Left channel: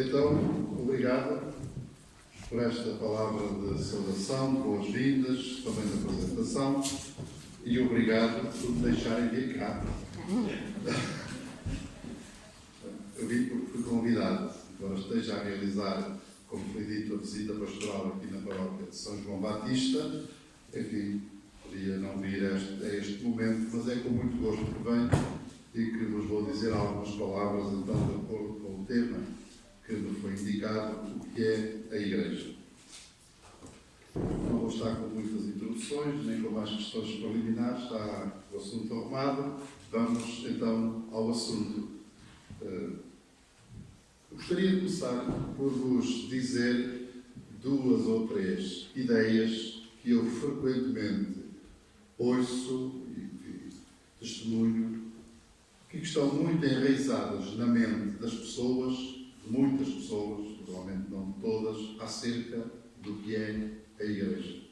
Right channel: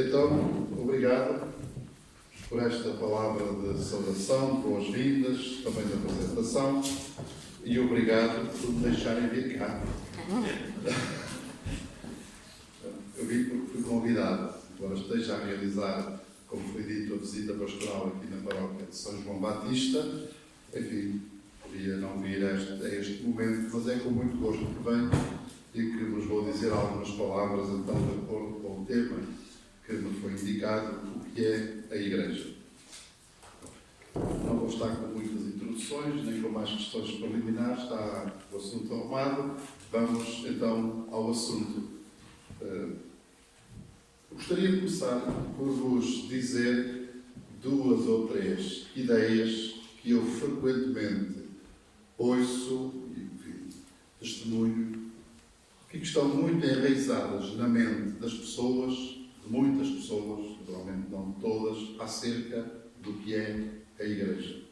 Então, obrigado por esta palavra de saudação, de boas-vindas, também de apresentação, e obrigado por me deixarem vir cá. Eu vim porque fui convidado, embora esteja a realizar, como foi dito, a visita pastoral aqui na paróquia de São João Batista. Enfim, podia não vir a este momento, mas é com muito gosto que venho e que vos vou dizer algumas palavras, então, de acordo com o tema que me foi indicado, o que é a Igreja. Não vou estar com muitas introduções, nem com mais questões preliminares, está o assunto arrumado. Vamos, então, ao assunto. Gostaria de começar por vos dizer duas ou três ideias que eu frequentemente ouço e testemunho, que estão muito enraizadas na mente das pessoas, de muitas pessoas, provavelmente não de todas, acerca do que é a Igreja.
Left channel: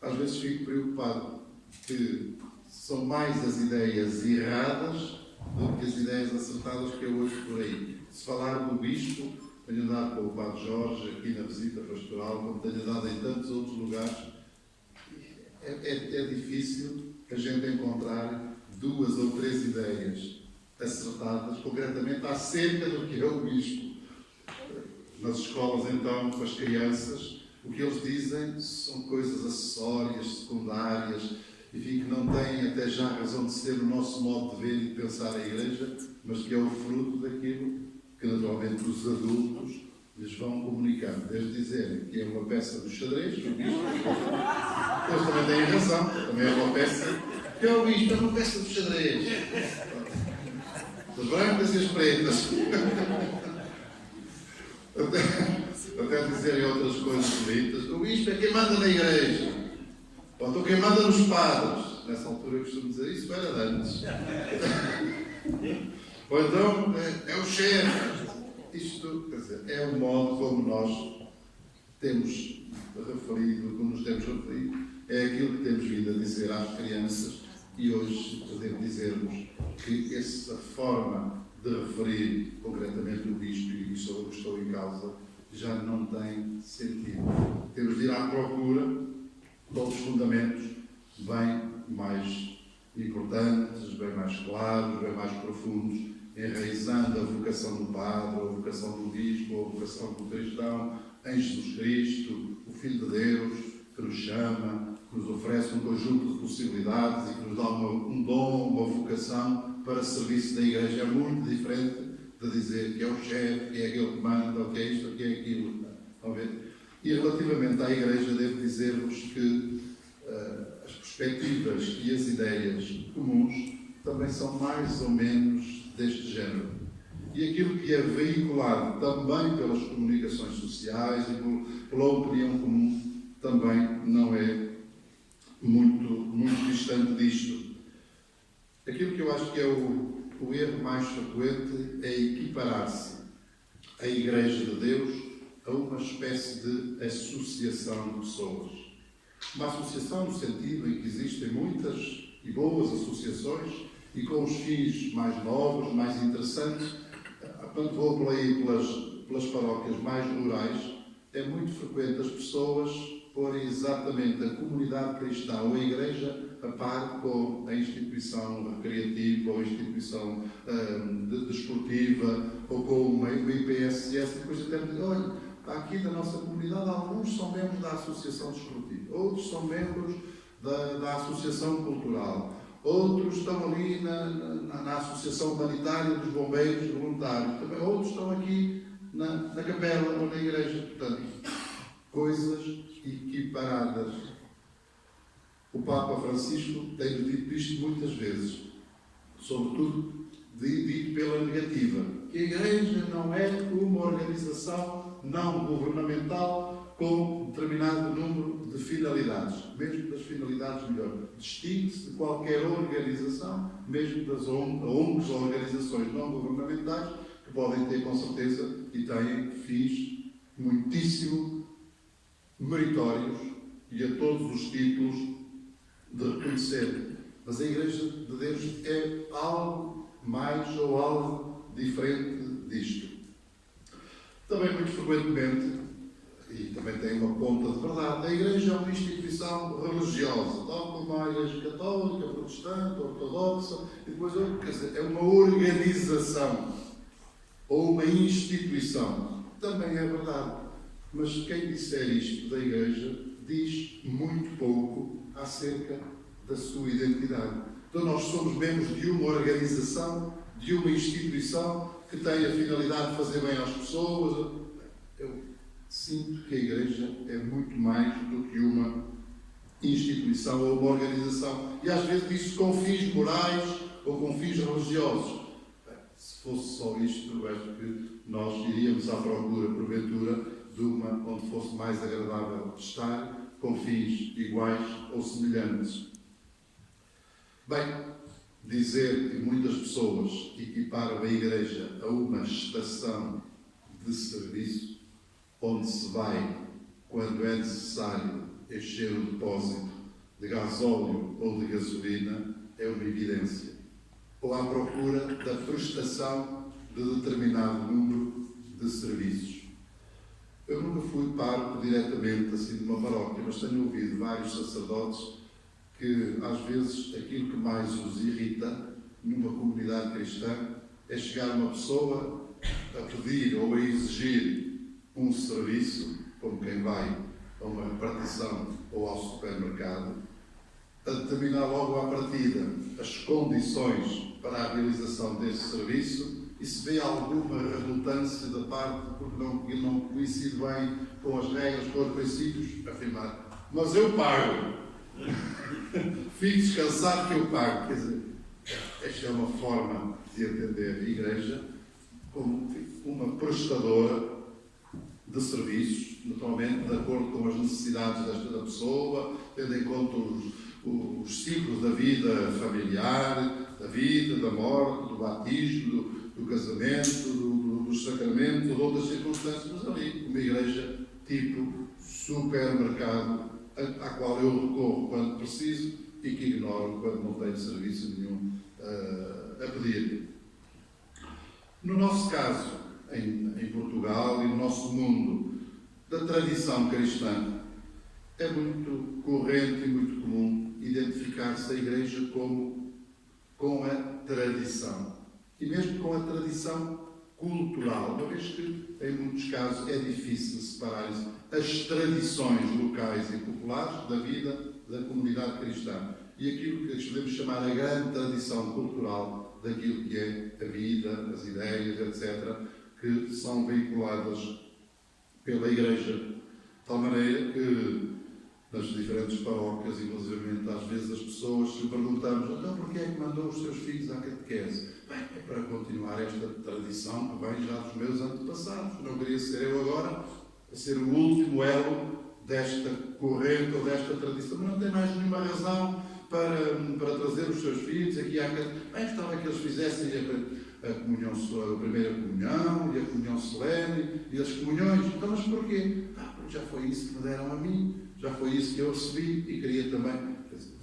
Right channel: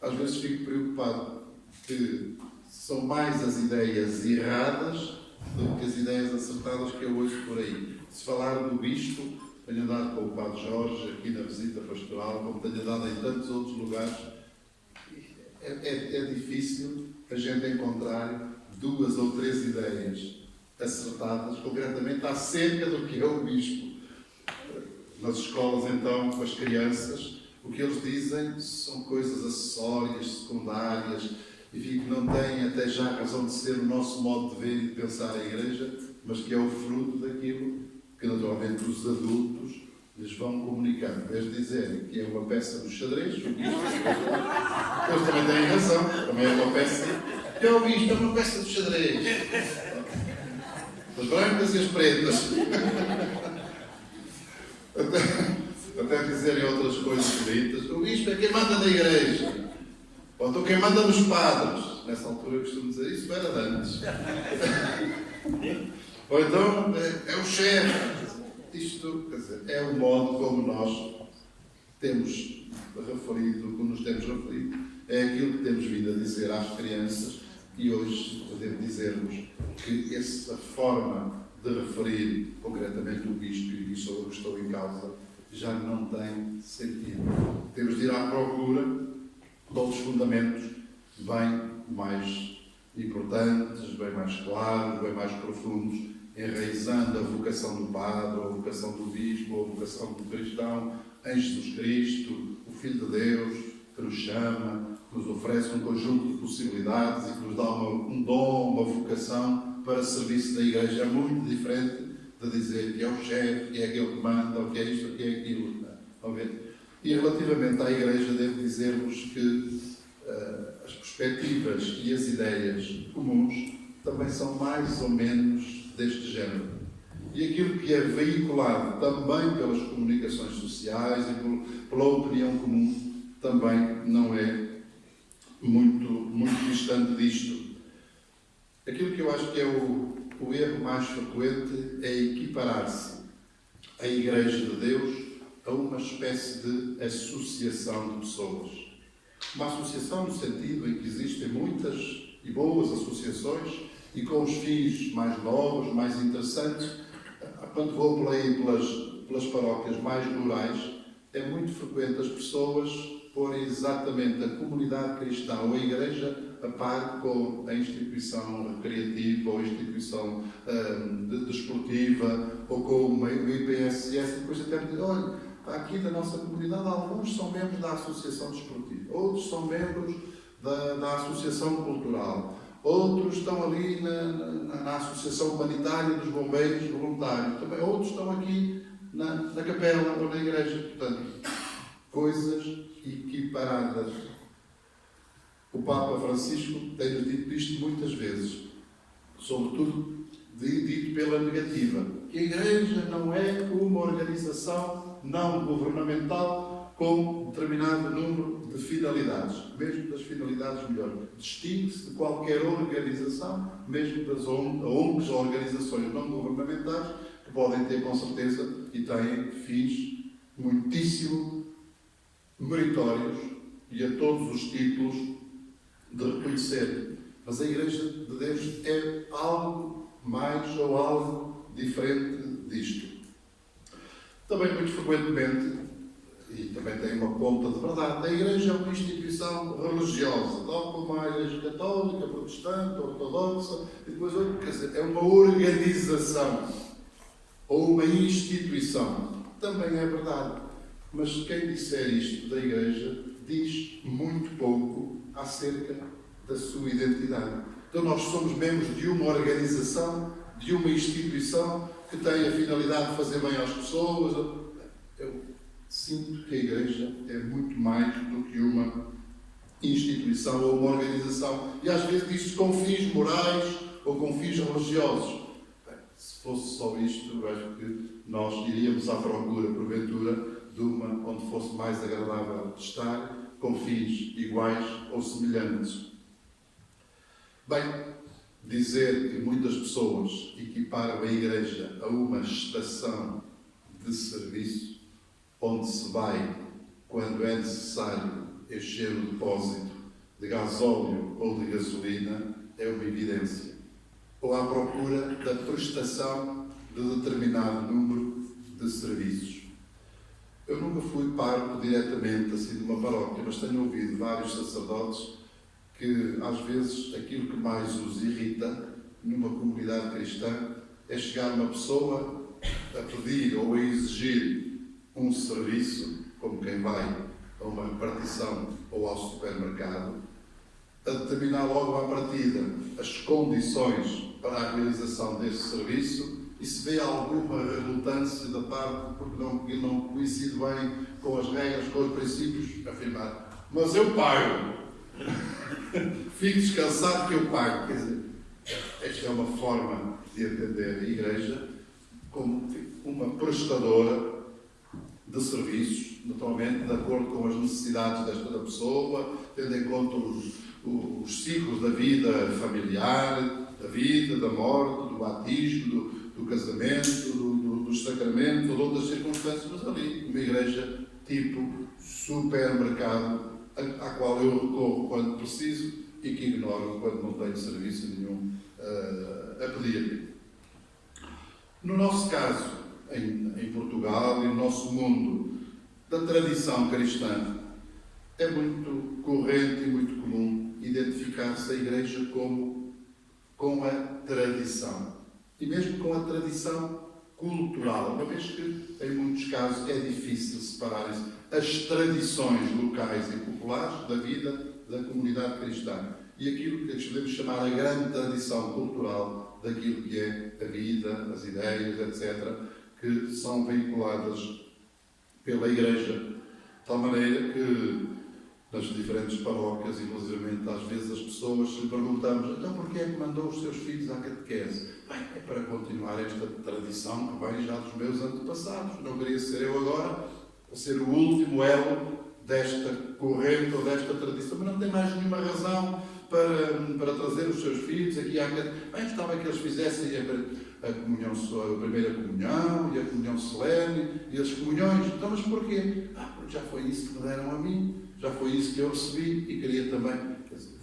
Às vezes fico preocupado que são mais as ideias erradas do que as ideias acertadas que eu ouço por aí. Se falar do Bispo, tenho andado com o Padre Jorge aqui na visita pastoral, como tenho andado em tantos outros lugares, é difícil a gente encontrar duas ou três ideias acertadas, concretamente acerca do que é o Bispo. Nas escolas, então, com as crianças, o que eles dizem são coisas acessórias, secundárias, enfim, que não têm até já razão de ser o nosso modo de ver e de pensar a Igreja, mas que é o fruto daquilo que naturalmente os adultos lhes vão comunicando, desde dizerem que é uma peça do xadrez, que o Bispo, eles também têm razão, também é uma peça, que é o Bispo, é uma peça do xadrez. As brancas e as pretas. Até dizerem outras coisas bonitas. O Bispo é quem manda na Igreja. Ou então quem manda nos padres. Nessa altura eu costumo dizer isso, era de antes. Ou então é o chefe. Isto, quer dizer, é o modo como nós temos referido, como nos temos referido, é aquilo que temos vindo a dizer às crianças, e hoje podemos dizer-vos que essa forma de referir concretamente o Bispo, e isso eu estou em causa, já não tem sentido. Temos de ir à procura de outros fundamentos bem mais importantes, bem mais claros, bem mais profundos, enraizando a vocação do padre, a vocação do bispo, a vocação do cristão em Jesus Cristo, o Filho de Deus, que nos chama, que nos oferece um conjunto de possibilidades e que nos dá um dom, uma vocação para serviço da Igreja. É muito diferente de dizer que é o chefe, que é aquele que manda, ou que é isto, ou que é aquilo. Estão a ver? E relativamente à Igreja, devo dizer-vos que as perspectivas e as ideias comuns também são mais ou menos deste género. E aquilo que é veiculado também pelas comunicações sociais e pela opinião comum também não é muito distante disto. Aquilo que eu acho que é o erro mais frequente é equiparar-se a Igreja de Deus a uma espécie de associação de pessoas. Uma associação no sentido em que existem muitas e boas associações e com os fins mais novos, mais interessantes. Quando vou por aí pelas paróquias mais rurais, é muito frequente as pessoas porem exatamente a comunidade cristã ou a Igreja a par com a instituição recreativa ou a instituição desportiva ou com o IPSS. Depois até me dizem, olha, aqui da nossa comunidade alguns são membros da Associação Desportiva, outros são membros da Associação Cultural, outros estão ali na Associação Humanitária dos Bombeiros Voluntários, também outros estão aqui na capela ou na igreja. Portanto, coisas equiparadas. O Papa Francisco tem dito isto muitas vezes, sobretudo dito pela negativa, que a Igreja não é uma organização não governamental com determinado número de finalidades, mesmo das finalidades melhor. Distingue-se de qualquer organização, mesmo das ONGs ou organizações não governamentais, que podem ter com certeza e têm fins muitíssimo meritórios e a todos os títulos de reconhecer. Mas a Igreja de Deus é algo mais ou algo diferente disto. Também, muito frequentemente, e também tem uma ponta de verdade, a Igreja é uma instituição religiosa, tal como a Igreja Católica, Protestante, Ortodoxa, e depois, quer dizer, é uma organização ou uma instituição. Também é verdade. Mas quem disser isto da Igreja diz muito pouco acerca da sua identidade. Então nós somos membros de uma organização, de uma instituição que tem a finalidade de fazer bem às pessoas. Eu sinto que a Igreja é muito mais do que uma instituição ou uma organização. E às vezes diz-se com fins morais ou com fins religiosos. Bem, se fosse só isto, eu acho que nós iríamos à procura, porventura, de uma onde fosse mais agradável estar, com fins iguais ou semelhantes. Bem, dizer que muitas pessoas equiparam a Igreja a uma estação de serviço, onde se vai, quando é necessário, encher o depósito de gasóleo ou de gasolina, é uma evidência. Ou à procura da prestação de determinado número de serviços. Eu nunca fui pároco diretamente assim de uma paróquia, mas tenho ouvido vários sacerdotes que às vezes aquilo que mais os irrita numa comunidade cristã é chegar uma pessoa a pedir ou a exigir um serviço, como quem vai a uma repartição ou ao supermercado, a determinar logo à partida as condições para a realização desse serviço. E se vê alguma relutância da parte, porque não coincide bem com as regras, com os princípios, afirmar, mas eu pago. Fique descansado que eu pago. Quer dizer, esta é uma forma de entender a Igreja como uma prestadora de serviços, naturalmente de acordo com as necessidades da pessoa, tendo em conta os ciclos da vida familiar, da vida, da morte, do batismo, do casamento, dos sacramentos, ou de outras circunstâncias, mas ali uma igreja tipo supermercado, à qual eu recorro quando preciso e que ignoro quando não tenho serviço nenhum a pedir. No nosso caso, em Portugal e no nosso mundo da tradição cristã, é muito corrente e muito comum identificar-se a Igreja como com a tradição. E mesmo com a tradição cultural, uma vez que, em muitos casos, é difícil separar as tradições locais e populares da vida da comunidade cristã e aquilo que podemos chamar a grande tradição cultural daquilo que é a vida, as ideias, etc., que são vinculadas pela Igreja, de tal maneira que nas diferentes paróquias, inclusive às vezes as pessoas se perguntamos, então porquê é que mandou os seus filhos à catequese? Bem, é para continuar esta tradição que vem já dos meus antepassados. Não queria ser eu agora a ser o último elo desta corrente ou desta tradição, mas não tem mais nenhuma razão para trazer os seus filhos aqui à catequese. Bem, gostava que eles fizessem a comunhão, a primeira comunhão e a comunhão solene e as comunhões. Então, mas porquê? Porque já foi isso que me deram a mim. Já foi isso que eu recebi e queria também. Quer dizer,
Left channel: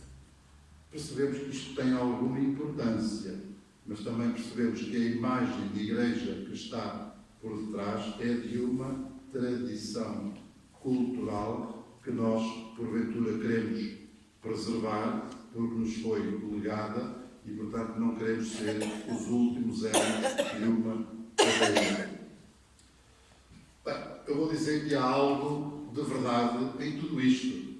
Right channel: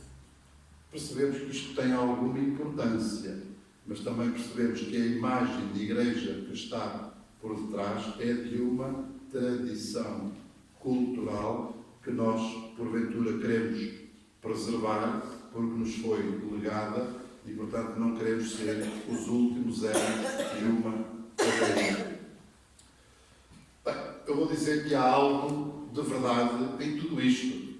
percebemos que isto tem alguma importância, mas também percebemos que a imagem de igreja que está por detrás é de uma tradição cultural que nós, porventura, queremos preservar porque nos foi legada e, portanto, não queremos ser os últimos elos de uma cadeia. Bem, eu vou dizer que há algo de verdade em tudo isto.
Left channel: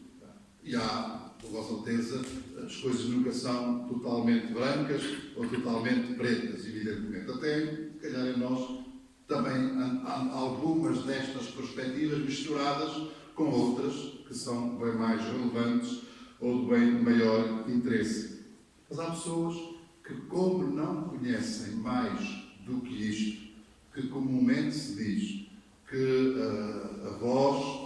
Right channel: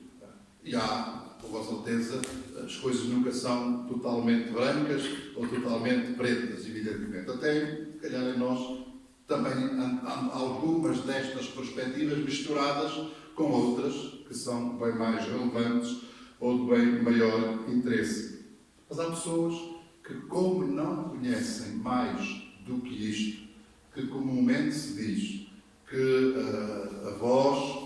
E há, por vossa certeza, as coisas nunca são totalmente brancas ou totalmente pretas, evidentemente. Até, se calhar, em nós também há algumas destas perspectivas misturadas com outras que são bem mais relevantes ou de bem maior interesse. Mas há pessoas que, como não conhecem mais do que isto, que comumente se diz que a voz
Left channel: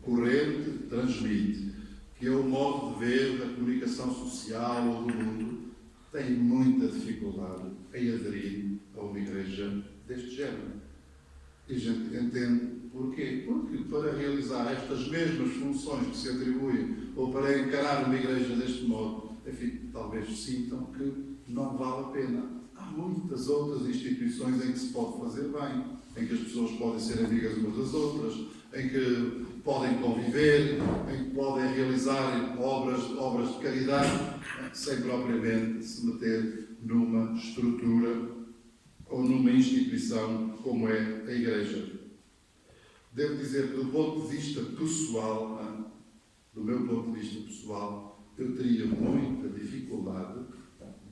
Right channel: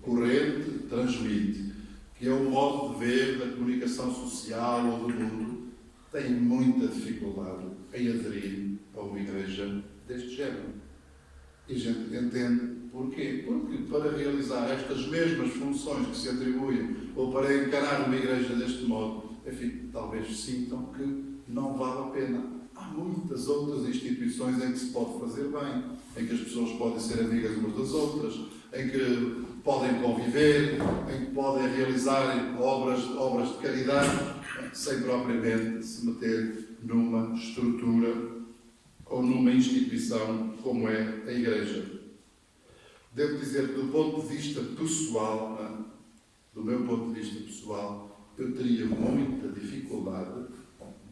corrente transmite, que é o modo de ver da comunicação social ou do mundo, tem muita dificuldade em aderir a uma igreja deste género. E a gente entende porquê. Porque para realizar estas mesmas funções que se atribuem, ou para encarar uma igreja deste modo, enfim, talvez sintam que não vale a pena. Há muitas outras instituições em que se pode fazer bem. em que as pessoas podem ser amigas umas das outras, em que podem conviver, em que podem realizar obras de caridade, sem propriamente se meter numa estrutura ou numa instituição como é a Igreja. Devo dizer que do ponto de vista pessoal, do meu ponto de vista pessoal, eu teria muita dificuldade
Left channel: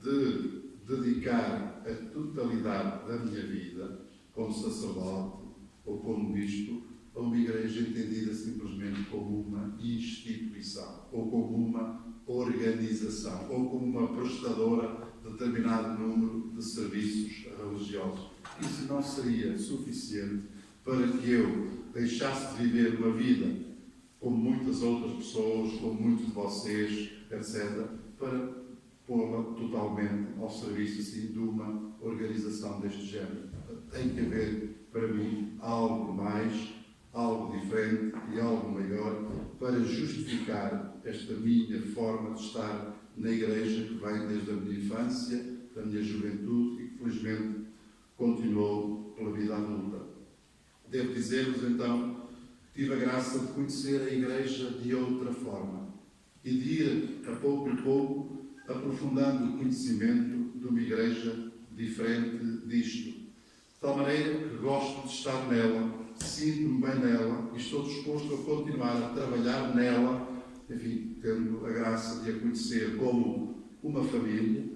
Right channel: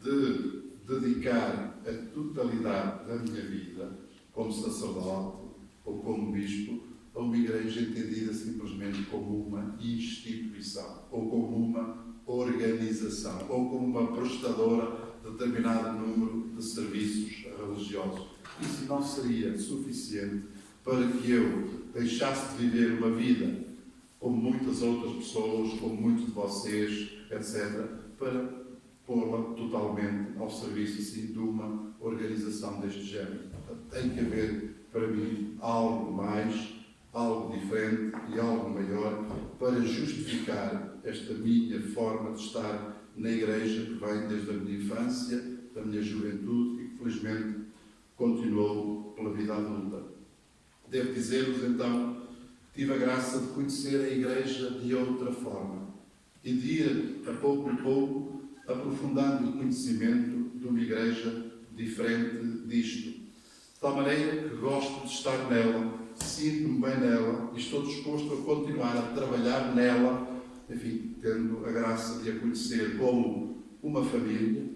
de dedicar a totalidade da minha vida, como sacerdote ou como bispo, a uma igreja entendida simplesmente como uma instituição, ou como uma organização, ou como uma prestadora de determinado número de serviços religiosos. Isso não seria suficiente para que eu deixasse de viver uma vida como muitas outras pessoas, como muitos de vocês, etc., para pô-la totalmente ao serviço assim, de uma organização deste género. Tem que haver, para mim, algo mais, algo diferente e algo maior para justificar esta minha forma de estar na Igreja, que vem desde a minha infância, da minha juventude e que, felizmente, continuou pela vida adulta. Devo dizer-vos, então, que tive a graça de conhecer a Igreja de outra forma e de ir, a pouco e pouco, aprofundando o conhecimento de uma Igreja diferente disto. De tal maneira que gosto de estar nela, sinto-me bem nela e estou disposto a continuar a trabalhar nela, enfim, tendo a graça de a conhecer como uma família,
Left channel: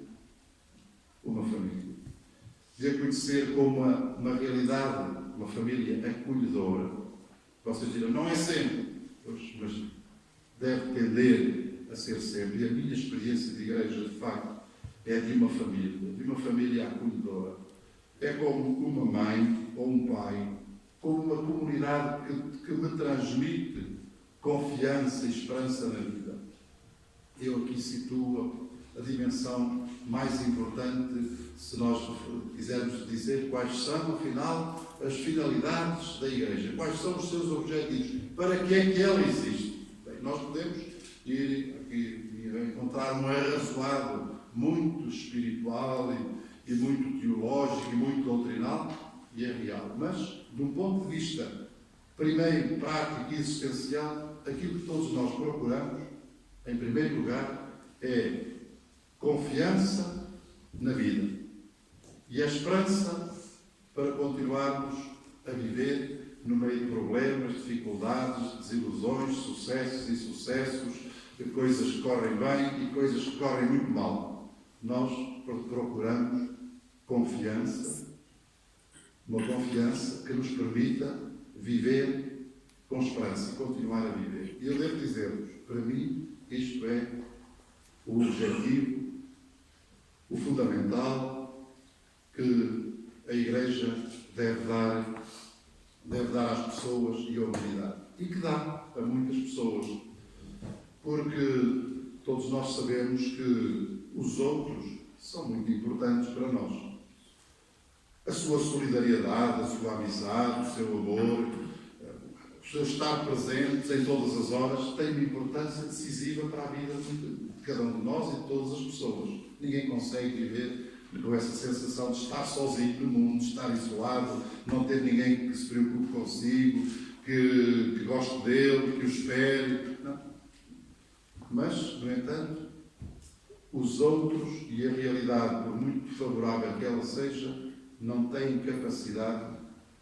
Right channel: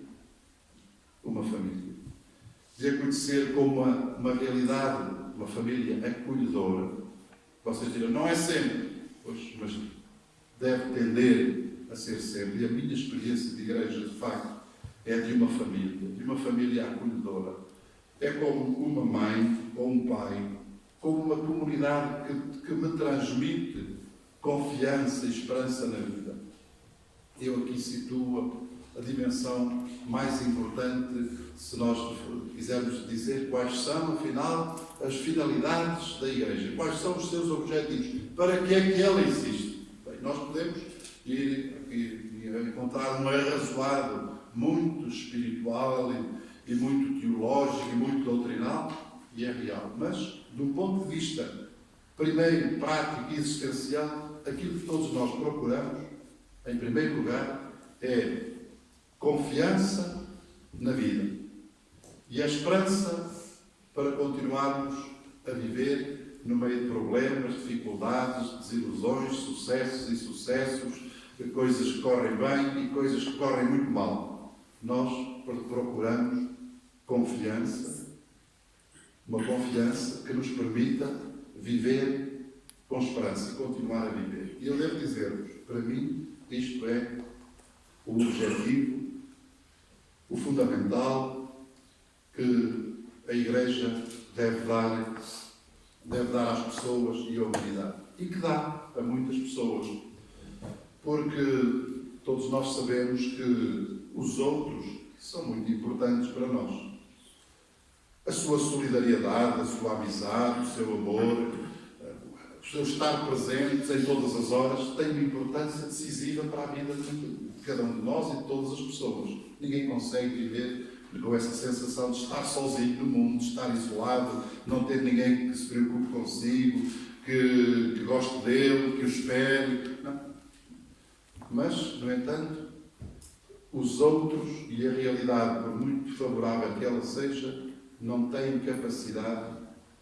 de a conhecer como uma realidade, uma família acolhedora. Vocês dirão, não é sempre, pois, mas deve tender a ser sempre. E a minha experiência de igreja, de facto, é de uma família acolhedora. É como uma mãe ou um pai, como uma comunidade que me transmite confiança e esperança na vida. Eu aqui situo a dimensão mais importante, se nós quisermos dizer quais são, afinal, as finalidades da Igreja, quais são os seus objetivos, para que é que ela existe. Bem, nós podemos ir aqui encontrar um arrazoado muito espiritual e muito teológico e muito doutrinal, e é real, mas, de um ponto de vista primeiro, prático e existencial, aquilo que todos nós procuramos, em primeiro lugar, é confiança na vida e a esperança para continuarmos a viver no meio de problemas, dificuldades, desilusões, sucessos e insucessos, de coisas que correm bem e coisas que correm muito mal. Nós procuramos confiança, uma confiança que nos permita viver com esperança e continuar a viver. E eu devo dizer-vos, para mim, isto é o objetivo, o fundamental que a Igreja deve dar às pessoas e à humanidade. E que dá a muitas pessoas. Porque todos nós sabemos que os outros são muito importantes para nós. A sua solidariedade, a sua amizade, o seu amor, o seu estar presentes em todas as horas tem uma importância decisiva para a vida de cada um de nós e de todas as pessoas. Ninguém consegue viver com essa sensação de estar sozinho no mundo, de estar isolado, não ter ninguém que se preocupe consigo, que goste dele, que o espere. Não. Mas, no entanto, os outros e a realidade, por muito favorável que ela seja, não têm capacidade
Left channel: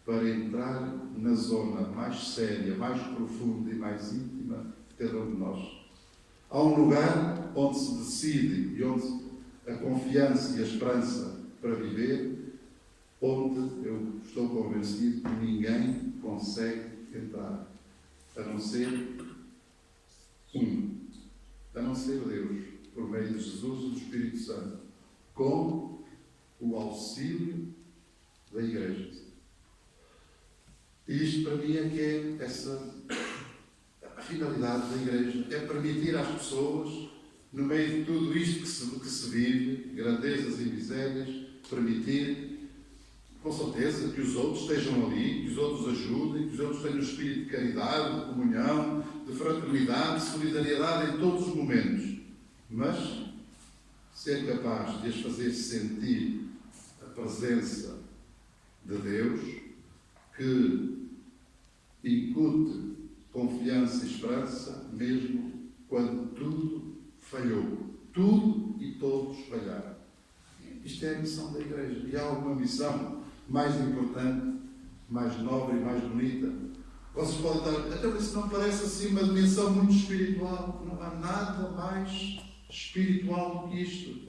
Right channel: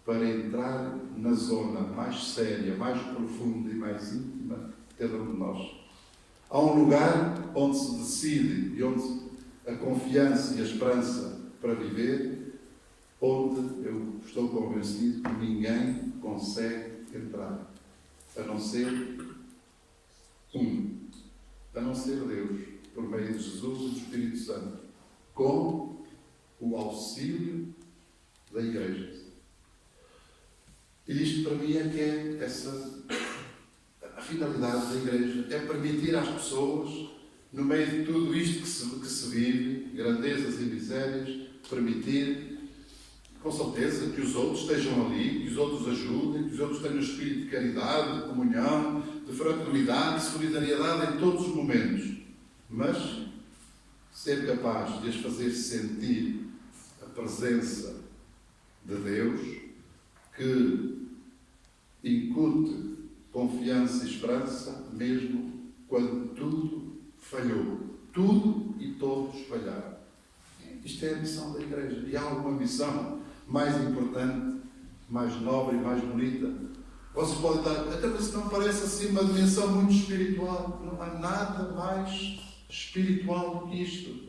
para entrar na zona mais séria, mais profunda e mais íntima de cada um de nós. Há um lugar onde se decide e onde a confiança e a esperança para viver, onde eu estou convencido que ninguém consegue entrar, a não ser Deus, por meio de Jesus e do Espírito Santo, com o auxílio da Igreja. E isto para mim é que é a finalidade da Igreja, é permitir às pessoas, no meio de tudo isto que se vive, grandezas e misérias, permitir, com certeza, que os outros estejam ali, que os outros ajudem, que os outros tenham um espírito de caridade, de comunhão, de fraternidade, de solidariedade em todos os momentos. Mas ser capaz de as fazer sentir a presença de Deus que incute confiança e esperança, mesmo quando tudo falhou. Tudo e todos falharam. Isto é a missão da Igreja. E há alguma missão mais importante, mais nobre e mais bonita? Vocês podem estar, até mas não parece assim uma dimensão muito espiritual. Não há nada mais espiritual do que isto.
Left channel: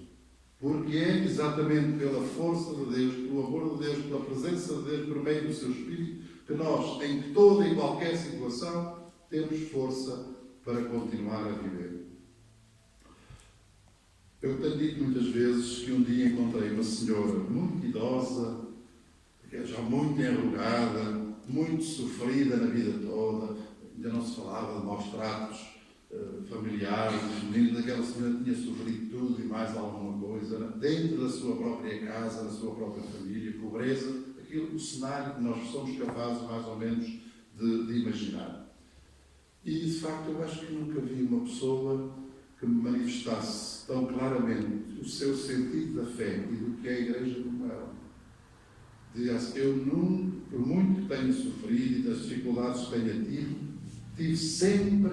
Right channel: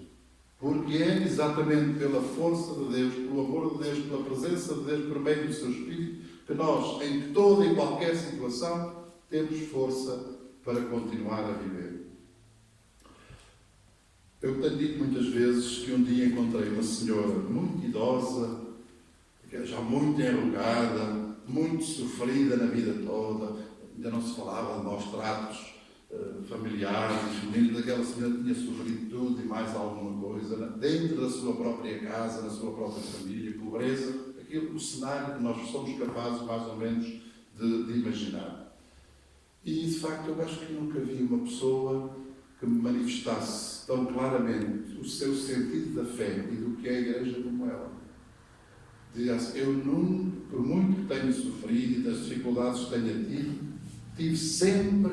Porque é exatamente pela força de Deus, pelo amor de Deus, pela presença de Deus, por meio do seu Espírito, que nós, em toda e qualquer situação, temos força para continuar a viver. Eu tenho dito muitas vezes que um dia encontrei uma senhora muito idosa, já muito enrugada, muito sofrida na vida toda, ainda não se falava de maus tratos familiares, aquela senhora tinha sofrido tudo e mais alguma coisa, dentro da sua própria casa, da sua própria família, pobreza, o cenário que nós somos capazes mais ou menos de imaginar. E de facto eu acho que nunca vi uma pessoa que me manifestasse tão claramente o seu sentido da fé e do que é a Igreja como ela. Dizia assim, eu nunca, por muito que tenha sofrido e das dificuldades que tenha tido, tive sempre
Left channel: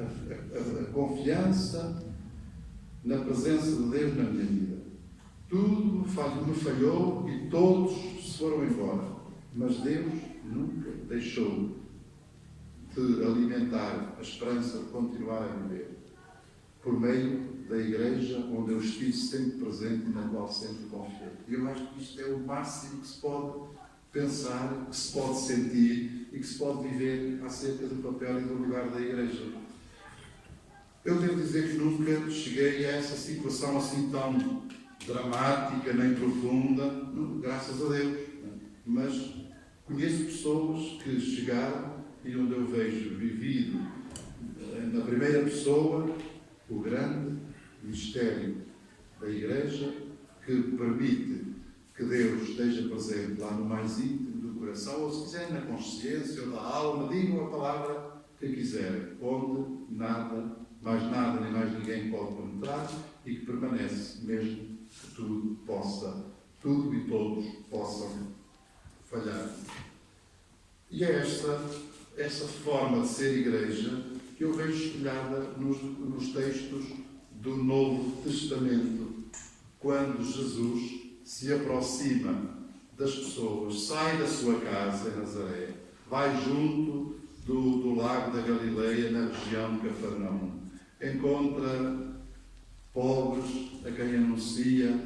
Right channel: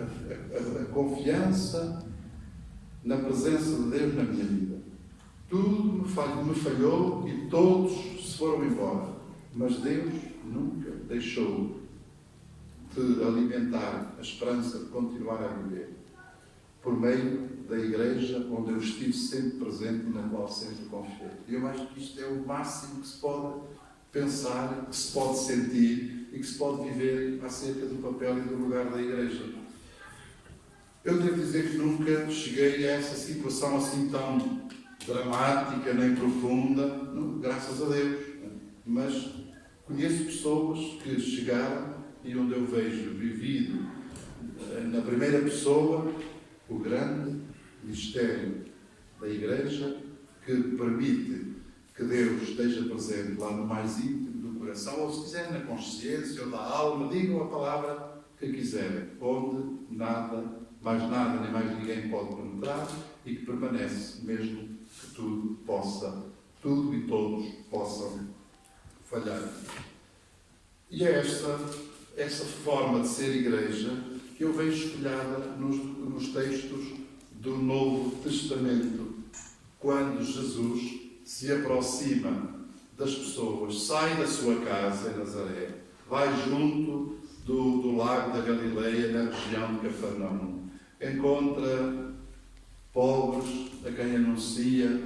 a confiança na presença de Deus na minha vida. Tudo me falhou e todos se foram embora. Mas Deus nunca deixou de alimentar a esperança de continuar a viver. Por meio da Igreja, onde eu estive sempre presente e na qual sempre confiei. E eu acho que isto é o máximo que se pode pensar, que se pode sentir e que se pode viver acerca do papel e do lugar da Igreja. Eu devo dizer que nunca cheguei a essa situação assim tão dramática nem profunda, não, graças a Deus. Mas conheço pessoas que chegaram e onde eu vejo vivido na primeira pessoa o grande mistério da Igreja que permite que Deus esteja presente lá no mais íntimo do coração, ou se quiserem na consciência ou da alma, digam a palavra que quiserem, onde nada, mais nada nem mais ninguém pode penetrar e que permanece mesmo que tudo e todos possam falhar. E é essa forma de ser Igreja que eu vejo espelhada nos textos do Novo Testamento, quando Jesus se aproxima das pessoas, sai da sua casa em Nazaré, vai junto do lago da Galileia, na região de Cafarnaum, encontra pobres a quem anuncia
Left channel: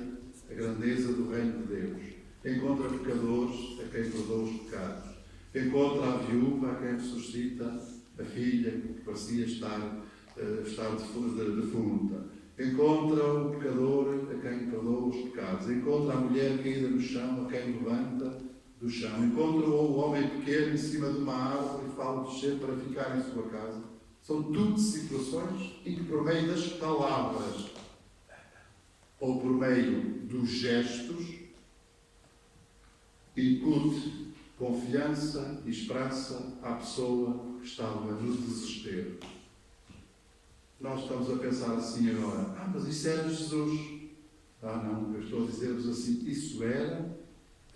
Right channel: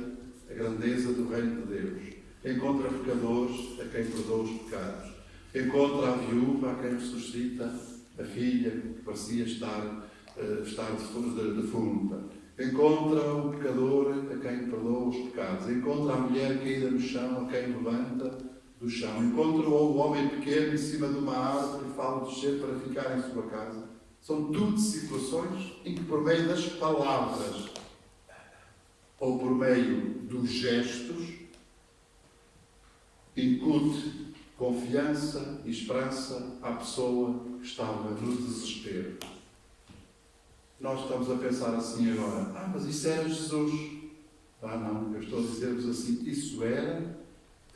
a grandeza do reino de Deus, encontra pecadores a quem perdoa os pecados, encontra a viúva a quem ressuscita a filha que parecia estar defunta, encontra o pecador a quem perdoa os pecados, encontra a mulher caída no chão a quem levanta do chão, encontra o homem pequeno em cima de uma árvore e fala descer para ficar em sua casa. São tudo situações em que, por meio das palavras ou por meio dos gestos, incute confiança e esperança à pessoa que estava no desespero. Nós estamos a pensar assim agora, mas isso era Jesus. Não, eu estou a dizer-vos assim, isso era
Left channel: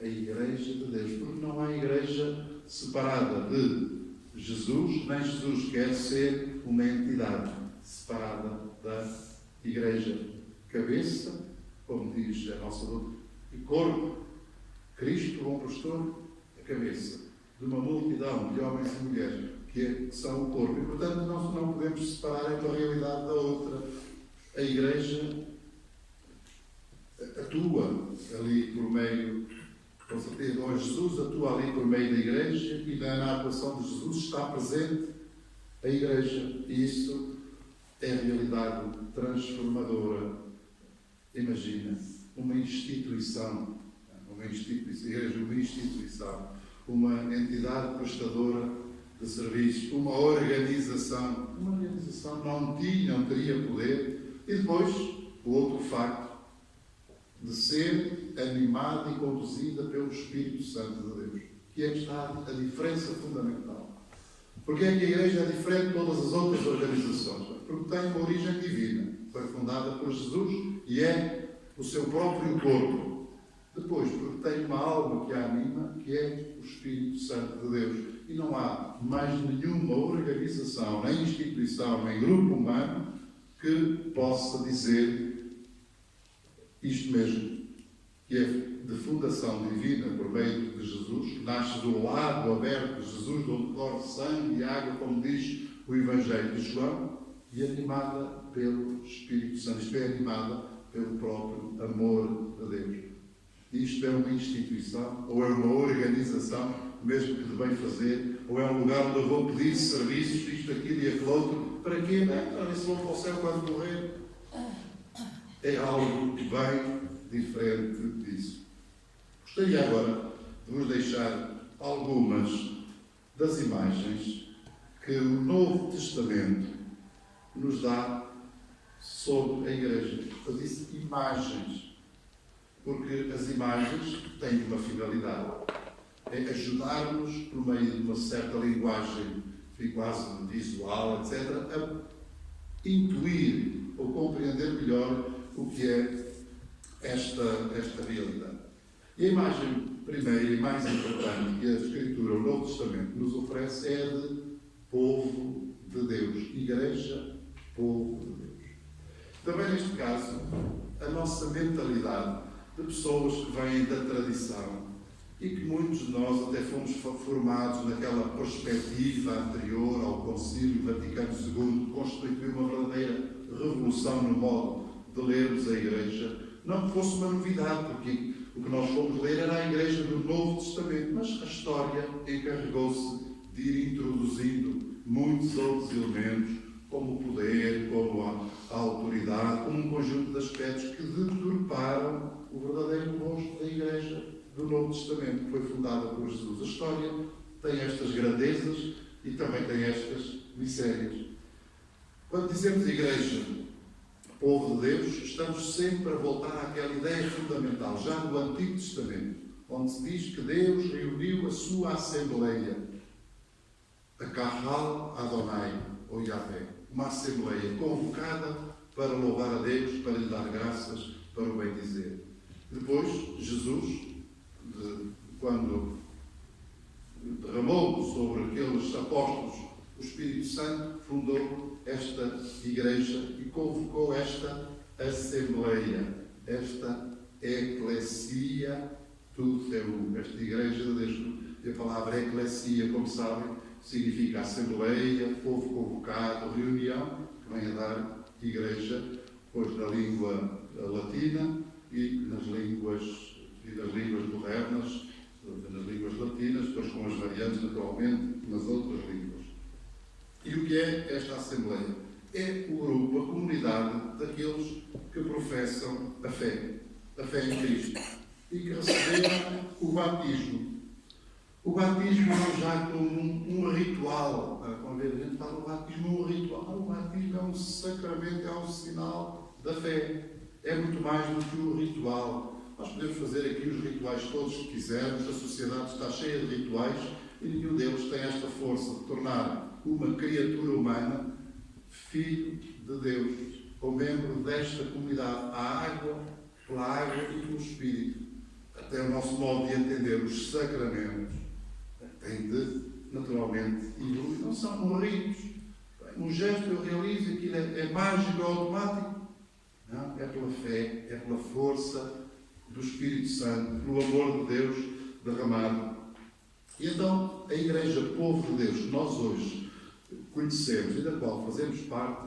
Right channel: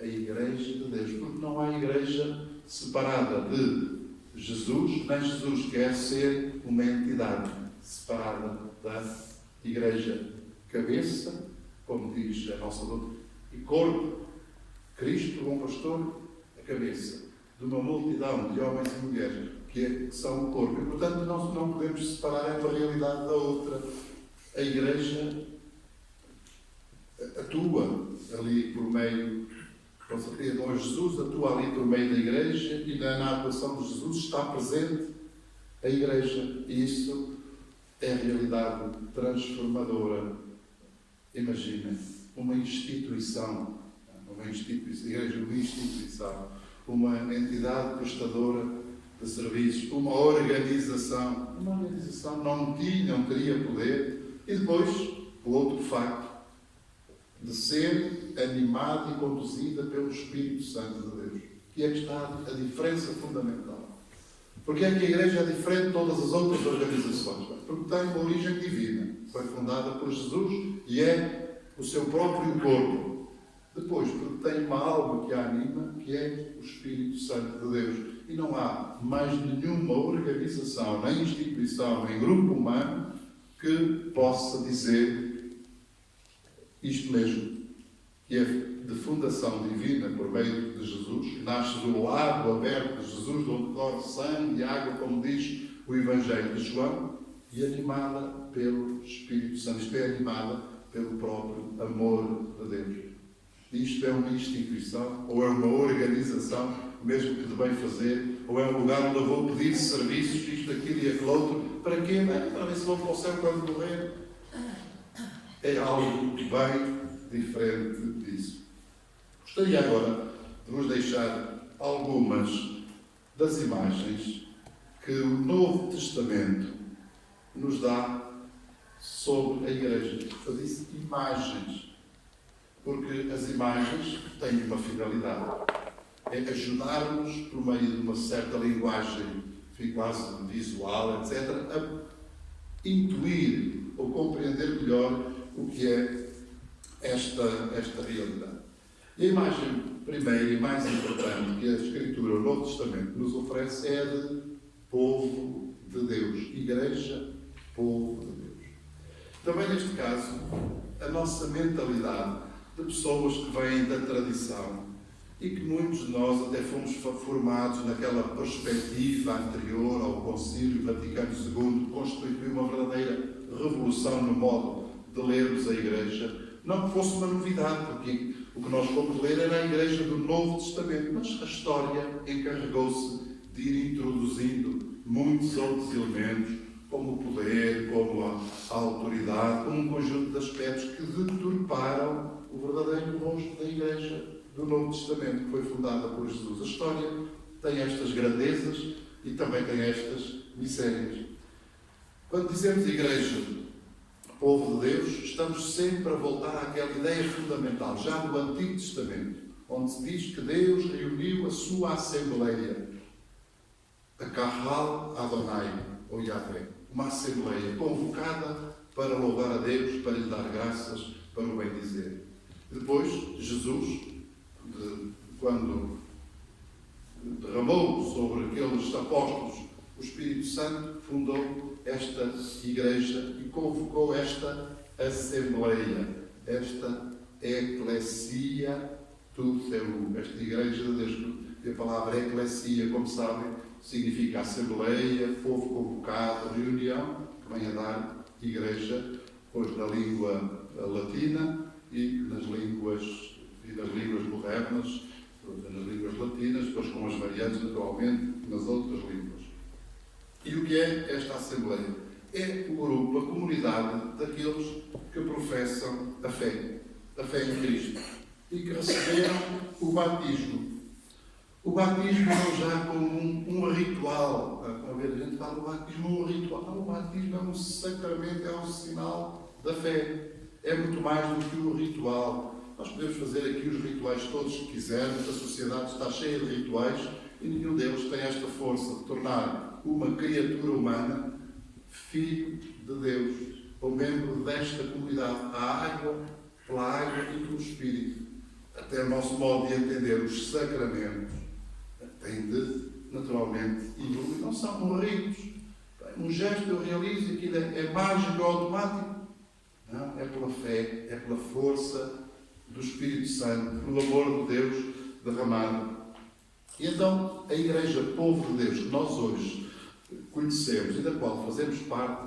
a Igreja de Deus, porque não há Igreja separada de Jesus, nem Jesus quer ser uma entidade separada da Igreja. Cabeça, como diz a nossa doutrina, e corpo, Cristo, o bom pastor, a cabeça de uma multidão de homens e mulheres que são o corpo. E, portanto, não podemos separar uma realidade da outra. A Igreja atua ali por meio, com certeza, Jesus atua ali por meio da Igreja e na atuação de Jesus está presente a Igreja. E isso é a realidade transformadora. Imagina, uma instituição, a Igreja, uma instituição, uma entidade prestadora de serviços, uma organização não teria poder, e depois o outro facto de ser animada e conduzida pelo Espírito Santo de Deus, que é que está a diferença fundamental. Porque é que a Igreja é diferente de todas as outras organizações? Porque tem uma origem divina, foi fundada por Jesus e é o seu próprio corpo. Depois depois, porque tem uma alma que a anima, que é o Espírito Santo de Deus. E não há mais nenhuma organização, nem instituição, nem grupo humano que possa dizer isto mesmo, que é de fundação divina por meio de Jesus, que nasce do lado aberto de Jesus, onde corre sangue e água, como diz o Evangelho de João, e animada pelo Espírito Santo. Isto é, animada pelo próprio amor de Deus. Isto é uma instituição, ou é uma organização, mesmo que de bem fazer, ou é um lugar onde eu vou pedir serviços, isto, aquilo e aquele outro. Para quê? Bem, para ver se vou para o céu quando morrer. É algo bem diferente disso. Gostaria agora de vos deixar algumas das imagens que o Novo Testamento nos dá sobre a Igreja. Eu disse imagens, porque as imagens têm uma finalidade. É ajudar-nos, por meio de uma certa linguagem quase visual, etc., a intuir ou compreender melhor o que é esta realidade. E a imagem primeira e mais importante que a Escritura, o Novo Testamento, nos oferece é a de povo de Deus. Igreja, povo de Deus. Também neste caso, a nossa mentalidade de pessoas que vêm da tradição e que muitos de nós até fomos formados naquela perspectiva anterior ao Concílio Vaticano II, que constituiu uma verdadeira revolução no modo de lermos a Igreja. Não que fosse uma novidade, porque o que nós fomos ler era a Igreja do Novo Testamento, mas a história encarregou-se de ir introduzindo muitos outros elementos, como o poder, como a autoridade, como um conjunto de aspectos que deturparam o verdadeiro rosto da Igreja do Novo Testamento, que foi fundada por Jesus. A história tem estas grandezas e também tem estas misérias. Quando dizemos Igreja, povo de Deus, estamos sempre a voltar àquela ideia fundamental, já do Antigo Testamento, onde se diz que Deus reuniu a sua Assembleia, a Kahal Adonai, ou Yahvé, uma Assembleia convocada para louvar a Deus, para lhe dar graças, para o bem dizer. Depois, Jesus, quando derramou sobre aqueles apóstolos o Espírito Santo, fundou esta Igreja e convocou esta Assembleia, esta Eclesia Tutheu, esta Igreja de Deus. E a palavra Eclesia, como sabem, significa Assembleia, povo convocado, reunião, que vem a dar Igreja, pois na língua latina e nas línguas modernas, nas línguas latinas, depois com as variantes, naturalmente, nas outras línguas. E o que é esta Assembleia? É o grupo, a comunidade daqueles que professam a fé em Cristo, e que receberam o batismo. O batismo não já como um ritual. Como a gente fala, o batismo é um ritual. Não, o batismo é um sacramento, é um sinal da fé. É muito mais do que um ritual. Nós podemos fazer aqui os rituais todos que quisermos, a sociedade está cheia de rituais e nenhum deles tem esta força de tornar uma criatura humana filho de Deus, ou membro desta comunidade, a água, pela água e pelo Espírito. Até o nosso modo de entender os sacramentos tem de, naturalmente, evoluir. Não são ritos. Um gesto eu realizo, aquilo é mágico, é automático. Não, é pela fé, é pela força do Espírito Santo, pelo amor de Deus derramado. E então, a Igreja, povo de Deus, que nós hoje conhecemos e da qual fazemos parte,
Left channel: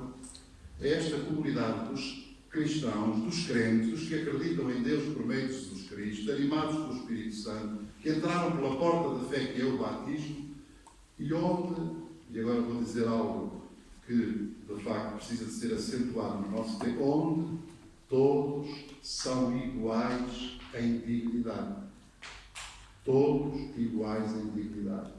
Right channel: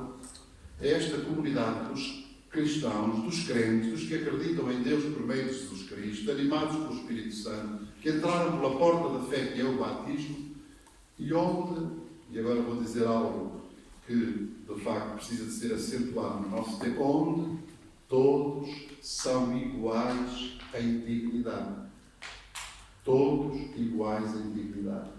é esta comunidade dos cristãos, dos crentes, dos que acreditam em Deus por meio de Jesus Cristo, animados pelo Espírito Santo, que entraram pela porta da fé que é o batismo, e onde, e agora vou dizer algo que de facto precisa de ser acentuado no nosso tempo, onde todos são iguais em dignidade. Todos iguais em dignidade.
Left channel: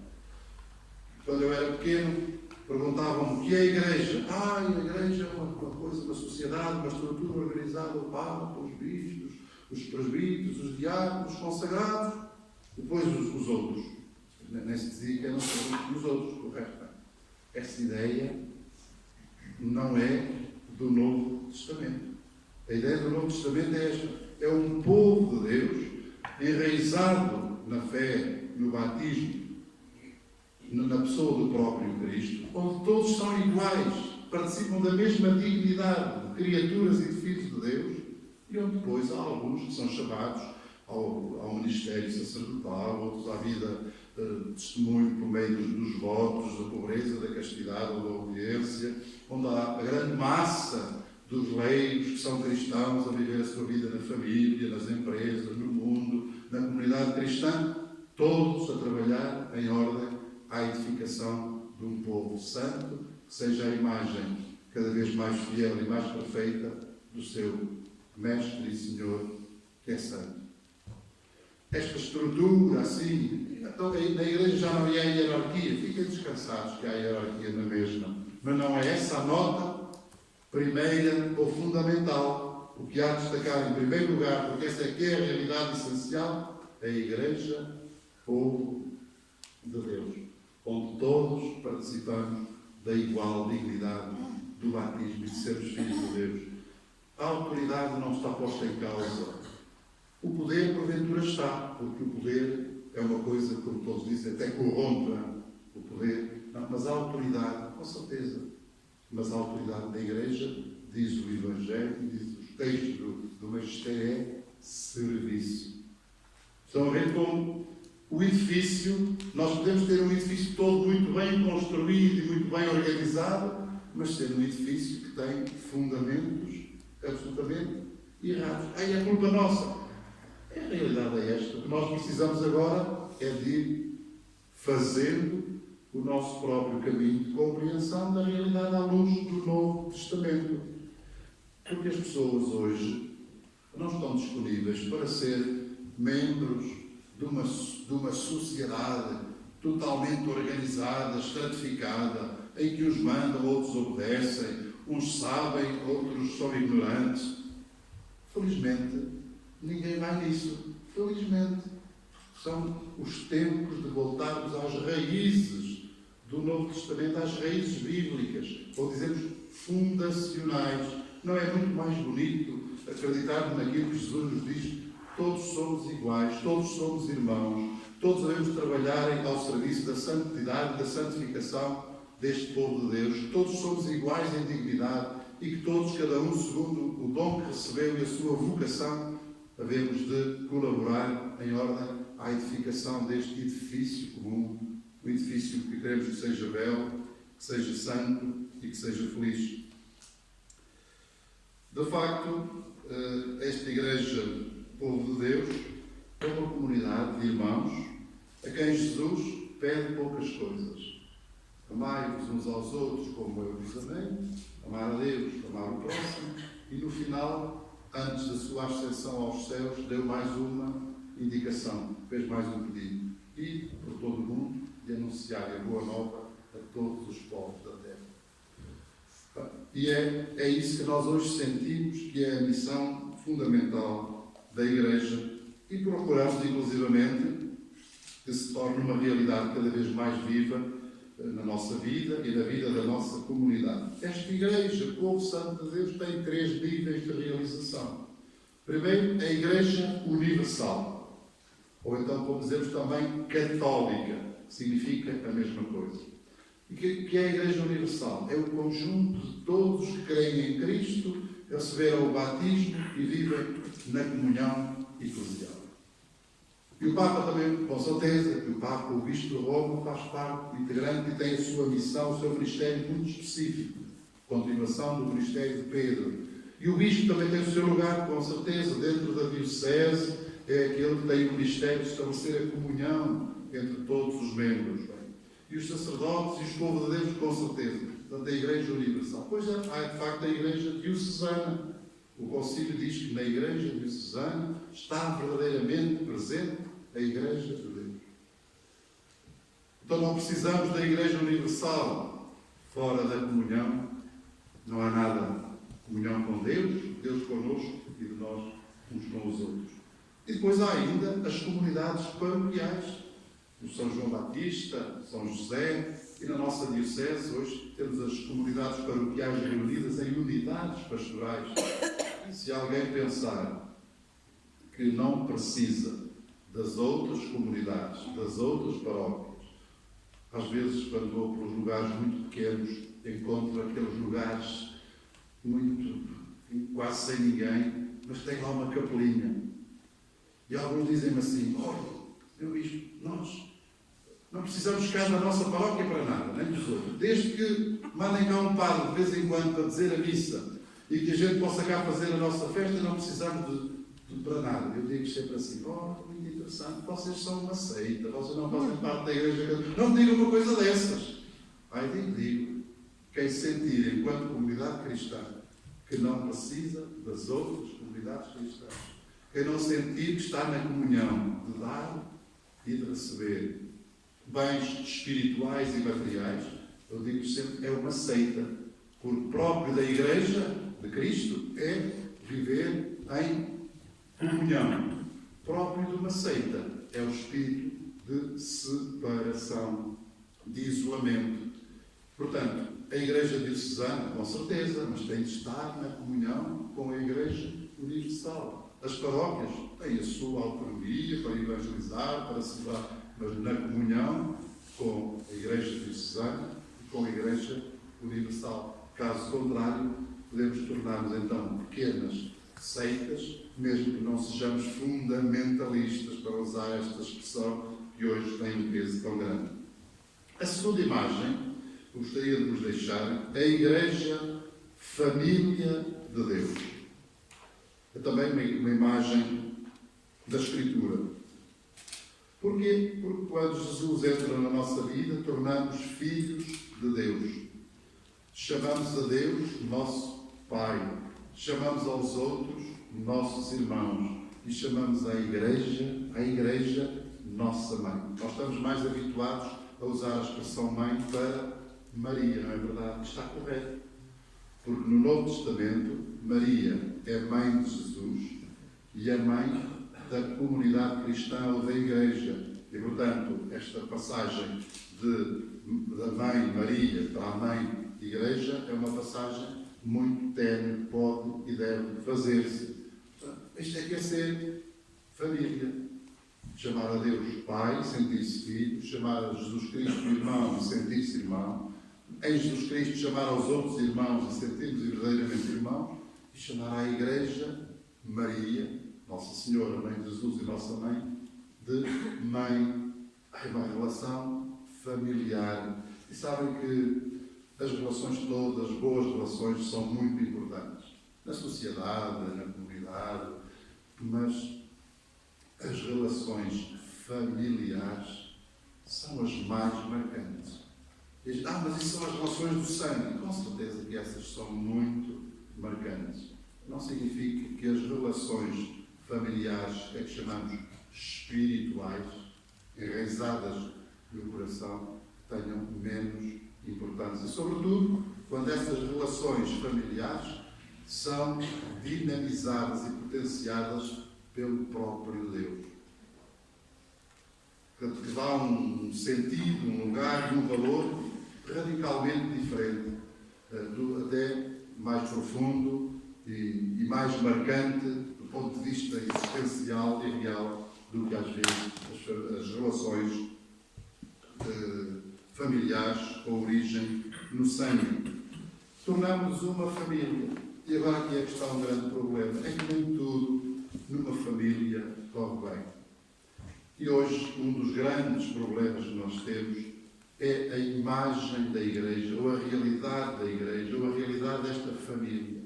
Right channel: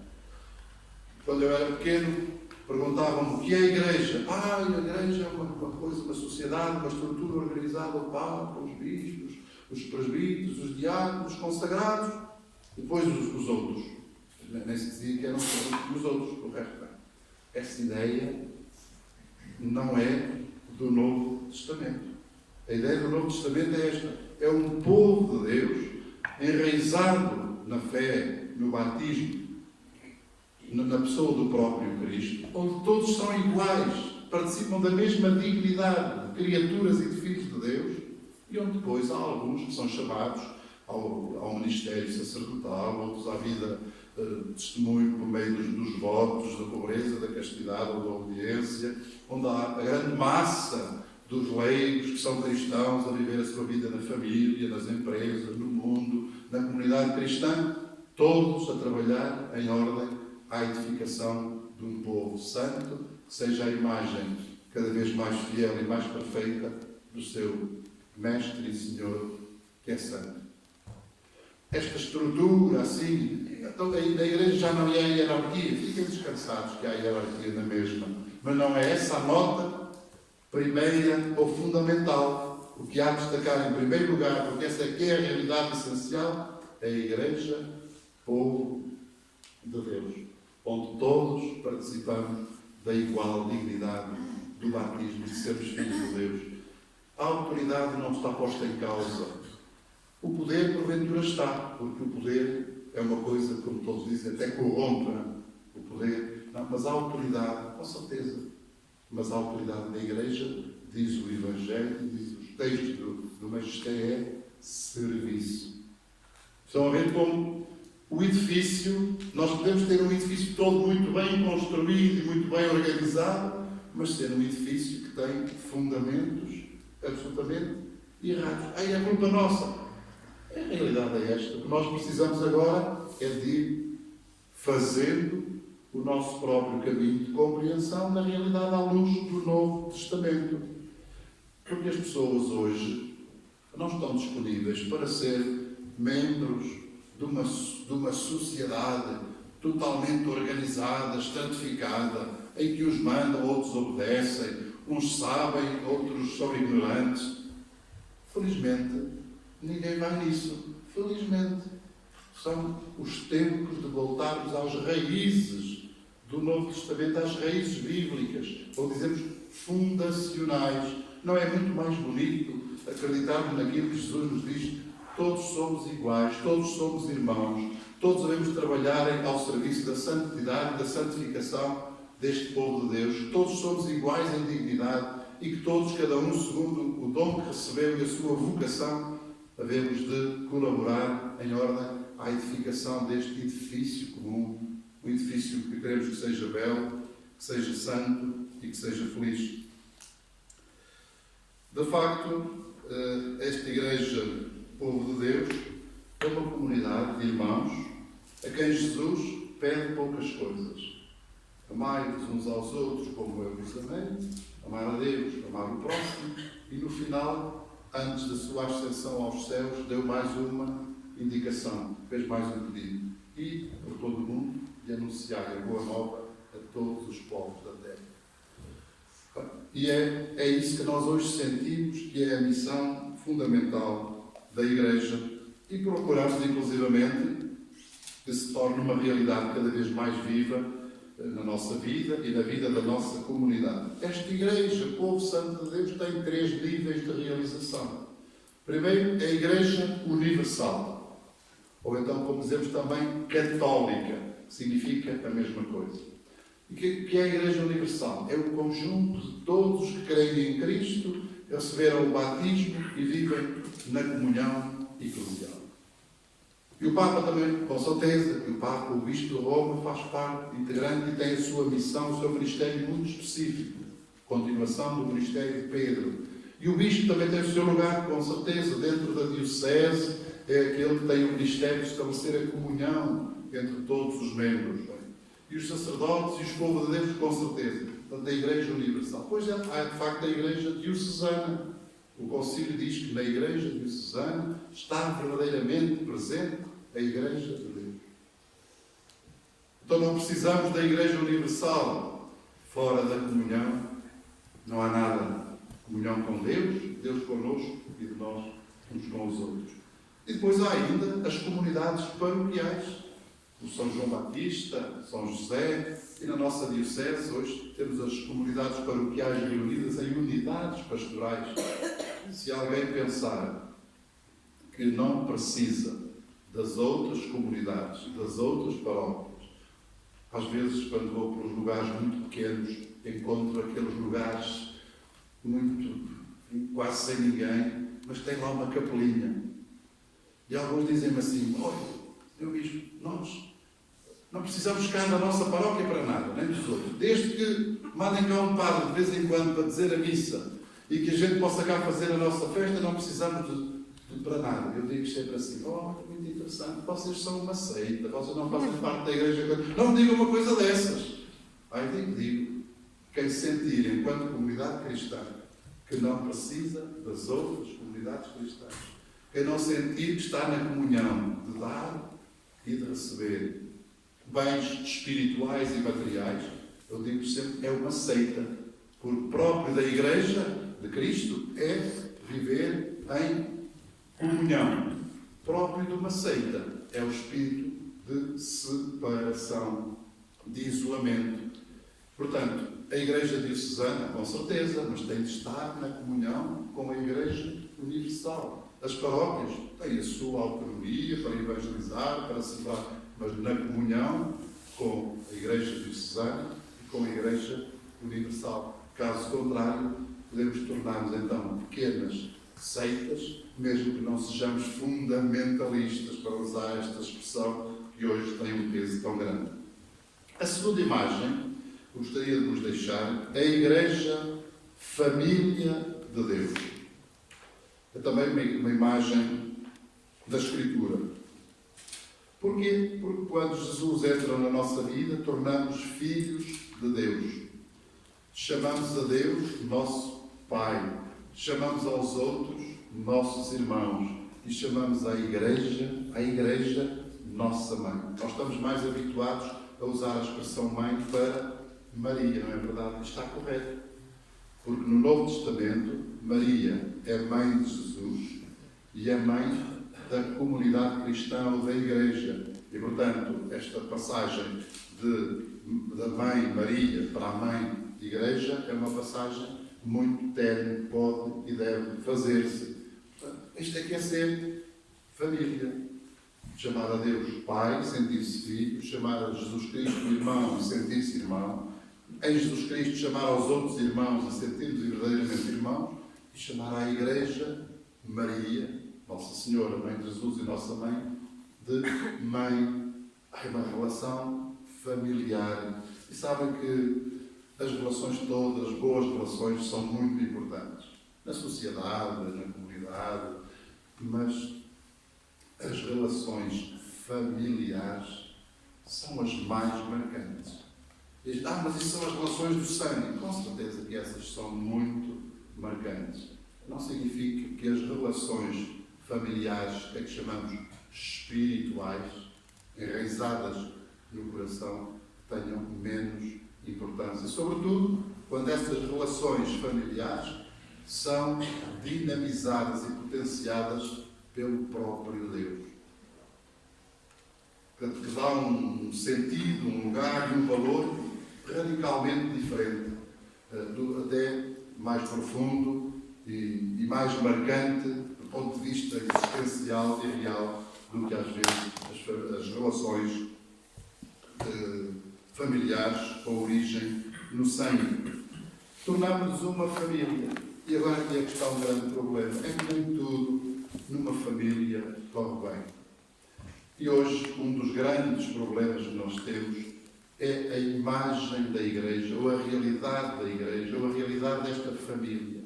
Quando eu era pequeno, perguntavam-me o que é a Igreja. A Igreja é uma coisa, uma sociedade, uma estrutura organizada, o Papa, os bispos, os presbíteros, os diáconos, os consagrados, depois os outros. Nem se dizia que eram os outros, correto? Essa ideia não é do Novo Testamento. A ideia do Novo Testamento é esta. É um povo de Deus enraizado na fé, no batismo, na pessoa do próprio Cristo, onde todos são iguais, participam da mesma dignidade de criaturas e de filhos de Deus, e onde depois há alguns que são chamados ao ministério sacerdotal, outros à vida de testemunho por meio dos votos, da pobreza, da castidade ou da obediência, onde há a grande massa dos leigos que são cristãos a viver a sua vida na família, nas empresas, no mundo, na comunidade cristã, todos a trabalhar em ordem à edificação de um povo santo, que seja a imagem cada vez mais fiel e mais perfeita do seu Mestre e Senhor, que é santo. Esta estrutura, assim, então, na igreja já não há hierarquia, fiquem descansados que há hierarquia na mesma, mas não é essa a nota primeira ou fundamental. O que há de destacar em primeiro lugar, porque essa é que é a realidade essencial, é a igreja, povo de Deus, onde todos participamos da igual dignidade do batismo e de sermos filhos de Deus. A autoridade não está posta em causa. O poder, porventura, está, porque o poder é uma coisa, como todos dizem, até corrompe o poder. Não, mas a autoridade, com certeza, mas a autoridade da Igreja, diz o Evangelho, diz os textos do Magistério, é serviço. Estão a ver como o edifício, nós podemos ter um edifício todo muito bem construído e muito bem organizado, mas ser um edifício que tem fundamentos absolutamente errados. Aí é culpa nossa. A realidade é esta. O que nós precisamos agora é de ir fazendo o nosso próprio caminho de compreensão da realidade à luz do Novo Testamento. Porque as pessoas hoje não estão disponíveis para ser membros de uma sociedade totalmente organizada, estratificada, em que uns mandam, outros obedecem, uns sabem, outros são ignorantes. Felizmente, ninguém vai nisso. Felizmente, são os tempos de voltarmos às raízes do Novo Testamento, às raízes bíblicas, ou dizemos fundacionais. Não é muito mais bonito acreditarmos naquilo que Jesus nos diz? Todos somos iguais, todos somos irmãos, todos devemos trabalhar ao serviço da santidade e da santificação deste povo de Deus. Todos somos iguais em dignidade e que todos, cada um segundo o dom que recebeu e a sua vocação, havemos de colaborar em ordem à edificação deste edifício comum, um edifício que queremos que seja belo, que seja santo e que seja feliz. De facto, esta Igreja, povo de Deus, é uma comunidade de irmãos a quem Jesus pede poucas coisas. Amai-vos uns aos outros como eu vos amei, amar a Deus, amar o próximo, e no final, antes da sua ascensão aos céus, deu mais uma indicação, fez mais um pedido: ir por todo o mundo e anunciar a boa nova a todos os povos da terra. E é isso que nós hoje sentimos que é a missão fundamental da Igreja, e procuramos, inclusivamente, que se torne uma realidade cada vez mais viva na nossa vida e na vida da nossa comunidade. Esta Igreja, povo santo de Deus, tem 3 níveis de realização. Primeiro, a Igreja universal, ou então, como dizemos também, católica, que significa a mesma coisa. E que é a Igreja universal? É o conjunto de todos que creem em Cristo, receberam o batismo e vivem na comunhão eclesial. E o Papa também, com certeza, que o Papa, o Bispo de Roma, faz parte integrante e tem a sua missão, o seu ministério muito específico, continuação do ministério de Pedro. E o Bispo também tem o seu lugar, com certeza, dentro da Diocese, é aquele que tem o ministério de estabelecer a comunhão entre todos os membros. E os sacerdotes e os povos de Deus, com certeza. Portanto, a Igreja Universal. Pois há, de facto, a Igreja Diocesana. O Concílio diz que na Igreja Diocesana está verdadeiramente presente a Igreja de Deus. Então não precisamos da Igreja Universal. Fora da comunhão não há nada. Comunhão com Deus, Deus connosco e de nós uns com os outros. E depois há ainda as comunidades paroquiais. O São João Batista, São José, e na nossa Diocese hoje temos as comunidades paroquiais reunidas em unidades pastorais. Se alguém pensar que não precisa das outras comunidades, das outras paróquias. Às vezes, quando vou para os lugares muito pequenos, encontro aqueles lugares quase sem ninguém, mas tem lá uma capelinha. E alguns dizem-me assim: olha, Senhor Bispo, nós não precisamos cá da nossa paróquia para nada, nem dos outros. Desde que mandem cá um padre de vez em quando para dizer a missa e que a gente possa cá fazer a nossa festa, não precisamos de para nada. Eu digo sempre assim: oh, muito interessante, vocês são uma seita, vocês não fazem parte da igreja. Não me digam uma coisa dessas. Aí digo, quem sentir enquanto comunidade cristã que não precisa das outras comunidades cristãs, quem não sentir que está na comunhão de dar e de receber bens espirituais e materiais, eu digo sempre, é uma seita. Porque próprio da Igreja de Cristo é viver em comunhão. Próprio de uma seita é o espírito de separação, de isolamento. Portanto, a Igreja diocesana, com certeza, mas tem de estar na comunhão com a Igreja universal. As paróquias têm a sua autonomia para evangelizar, para celebrar, mas na comunhão com a Igreja diocesana e com a Igreja universal. Caso contrário, podemos tornar-nos então pequenas seitas, mesmo que não sejamos fundamentalistas, para usar esta expressão que hoje tem um peso tão grande. A segunda imagem que gostaria de vos deixar é a Igreja Família de Deus. É também uma imagem da Escritura. Porquê? Porque quando Jesus entra na nossa vida, tornamos filhos de Deus. Chamamos a Deus nosso Pai. Chamamos aos outros nossos irmãos. E chamamos a Igreja nossa Mãe. Nós estamos mais habituados a usar a expressão mãe para Maria, não é verdade? Está correto. Porque no Novo Testamento, Maria é mãe de Jesus e é mãe da comunidade cristã ou da Igreja. E, portanto, esta passagem da mãe Maria para a mãe Igreja é uma passagem muito terne, pode e deve fazer-se. Portanto, isto é que é ser família. Chamar a Deus Pai, sentir-se filho, chamar a Jesus Cristo irmão e sentir-se irmão, em Jesus Cristo chamar aos outros irmãos e sentir-nos verdadeiramente irmãos, e chamar à Igreja Maria, Nossa Senhora, Mãe de Jesus e Nossa Mãe, de mãe. É uma relação familiar. E sabem que as relações todas, boas relações, são muito importantes. Na sociedade, na comunidade, mas as relações familiares são as mais marcantes. Mas isso são as relações do sangue. Com certeza que essas são muito marcantes. Não significa que as relações familiares, que chamamos espirituais, enraizadas no coração, tenham menos importância. Sobretudo, quando essas relações familiares são dinamizadas e potenciadas pelo próprio Deus. Portanto, que dá um sentido, um lugar e um valor radicalmente diferente, até mais profundo e mais marcante do ponto de vista existencial e real do que às vezes as relações familiares com origem no sangue. Tornamos-nos uma família. E agora aqui é que está um grande problema. É que nem tudo numa família corre bem. E hoje um dos grandes problemas que nós temos é a imagem da Igreja, ou a realidade da Igreja, ou a realidade desta família.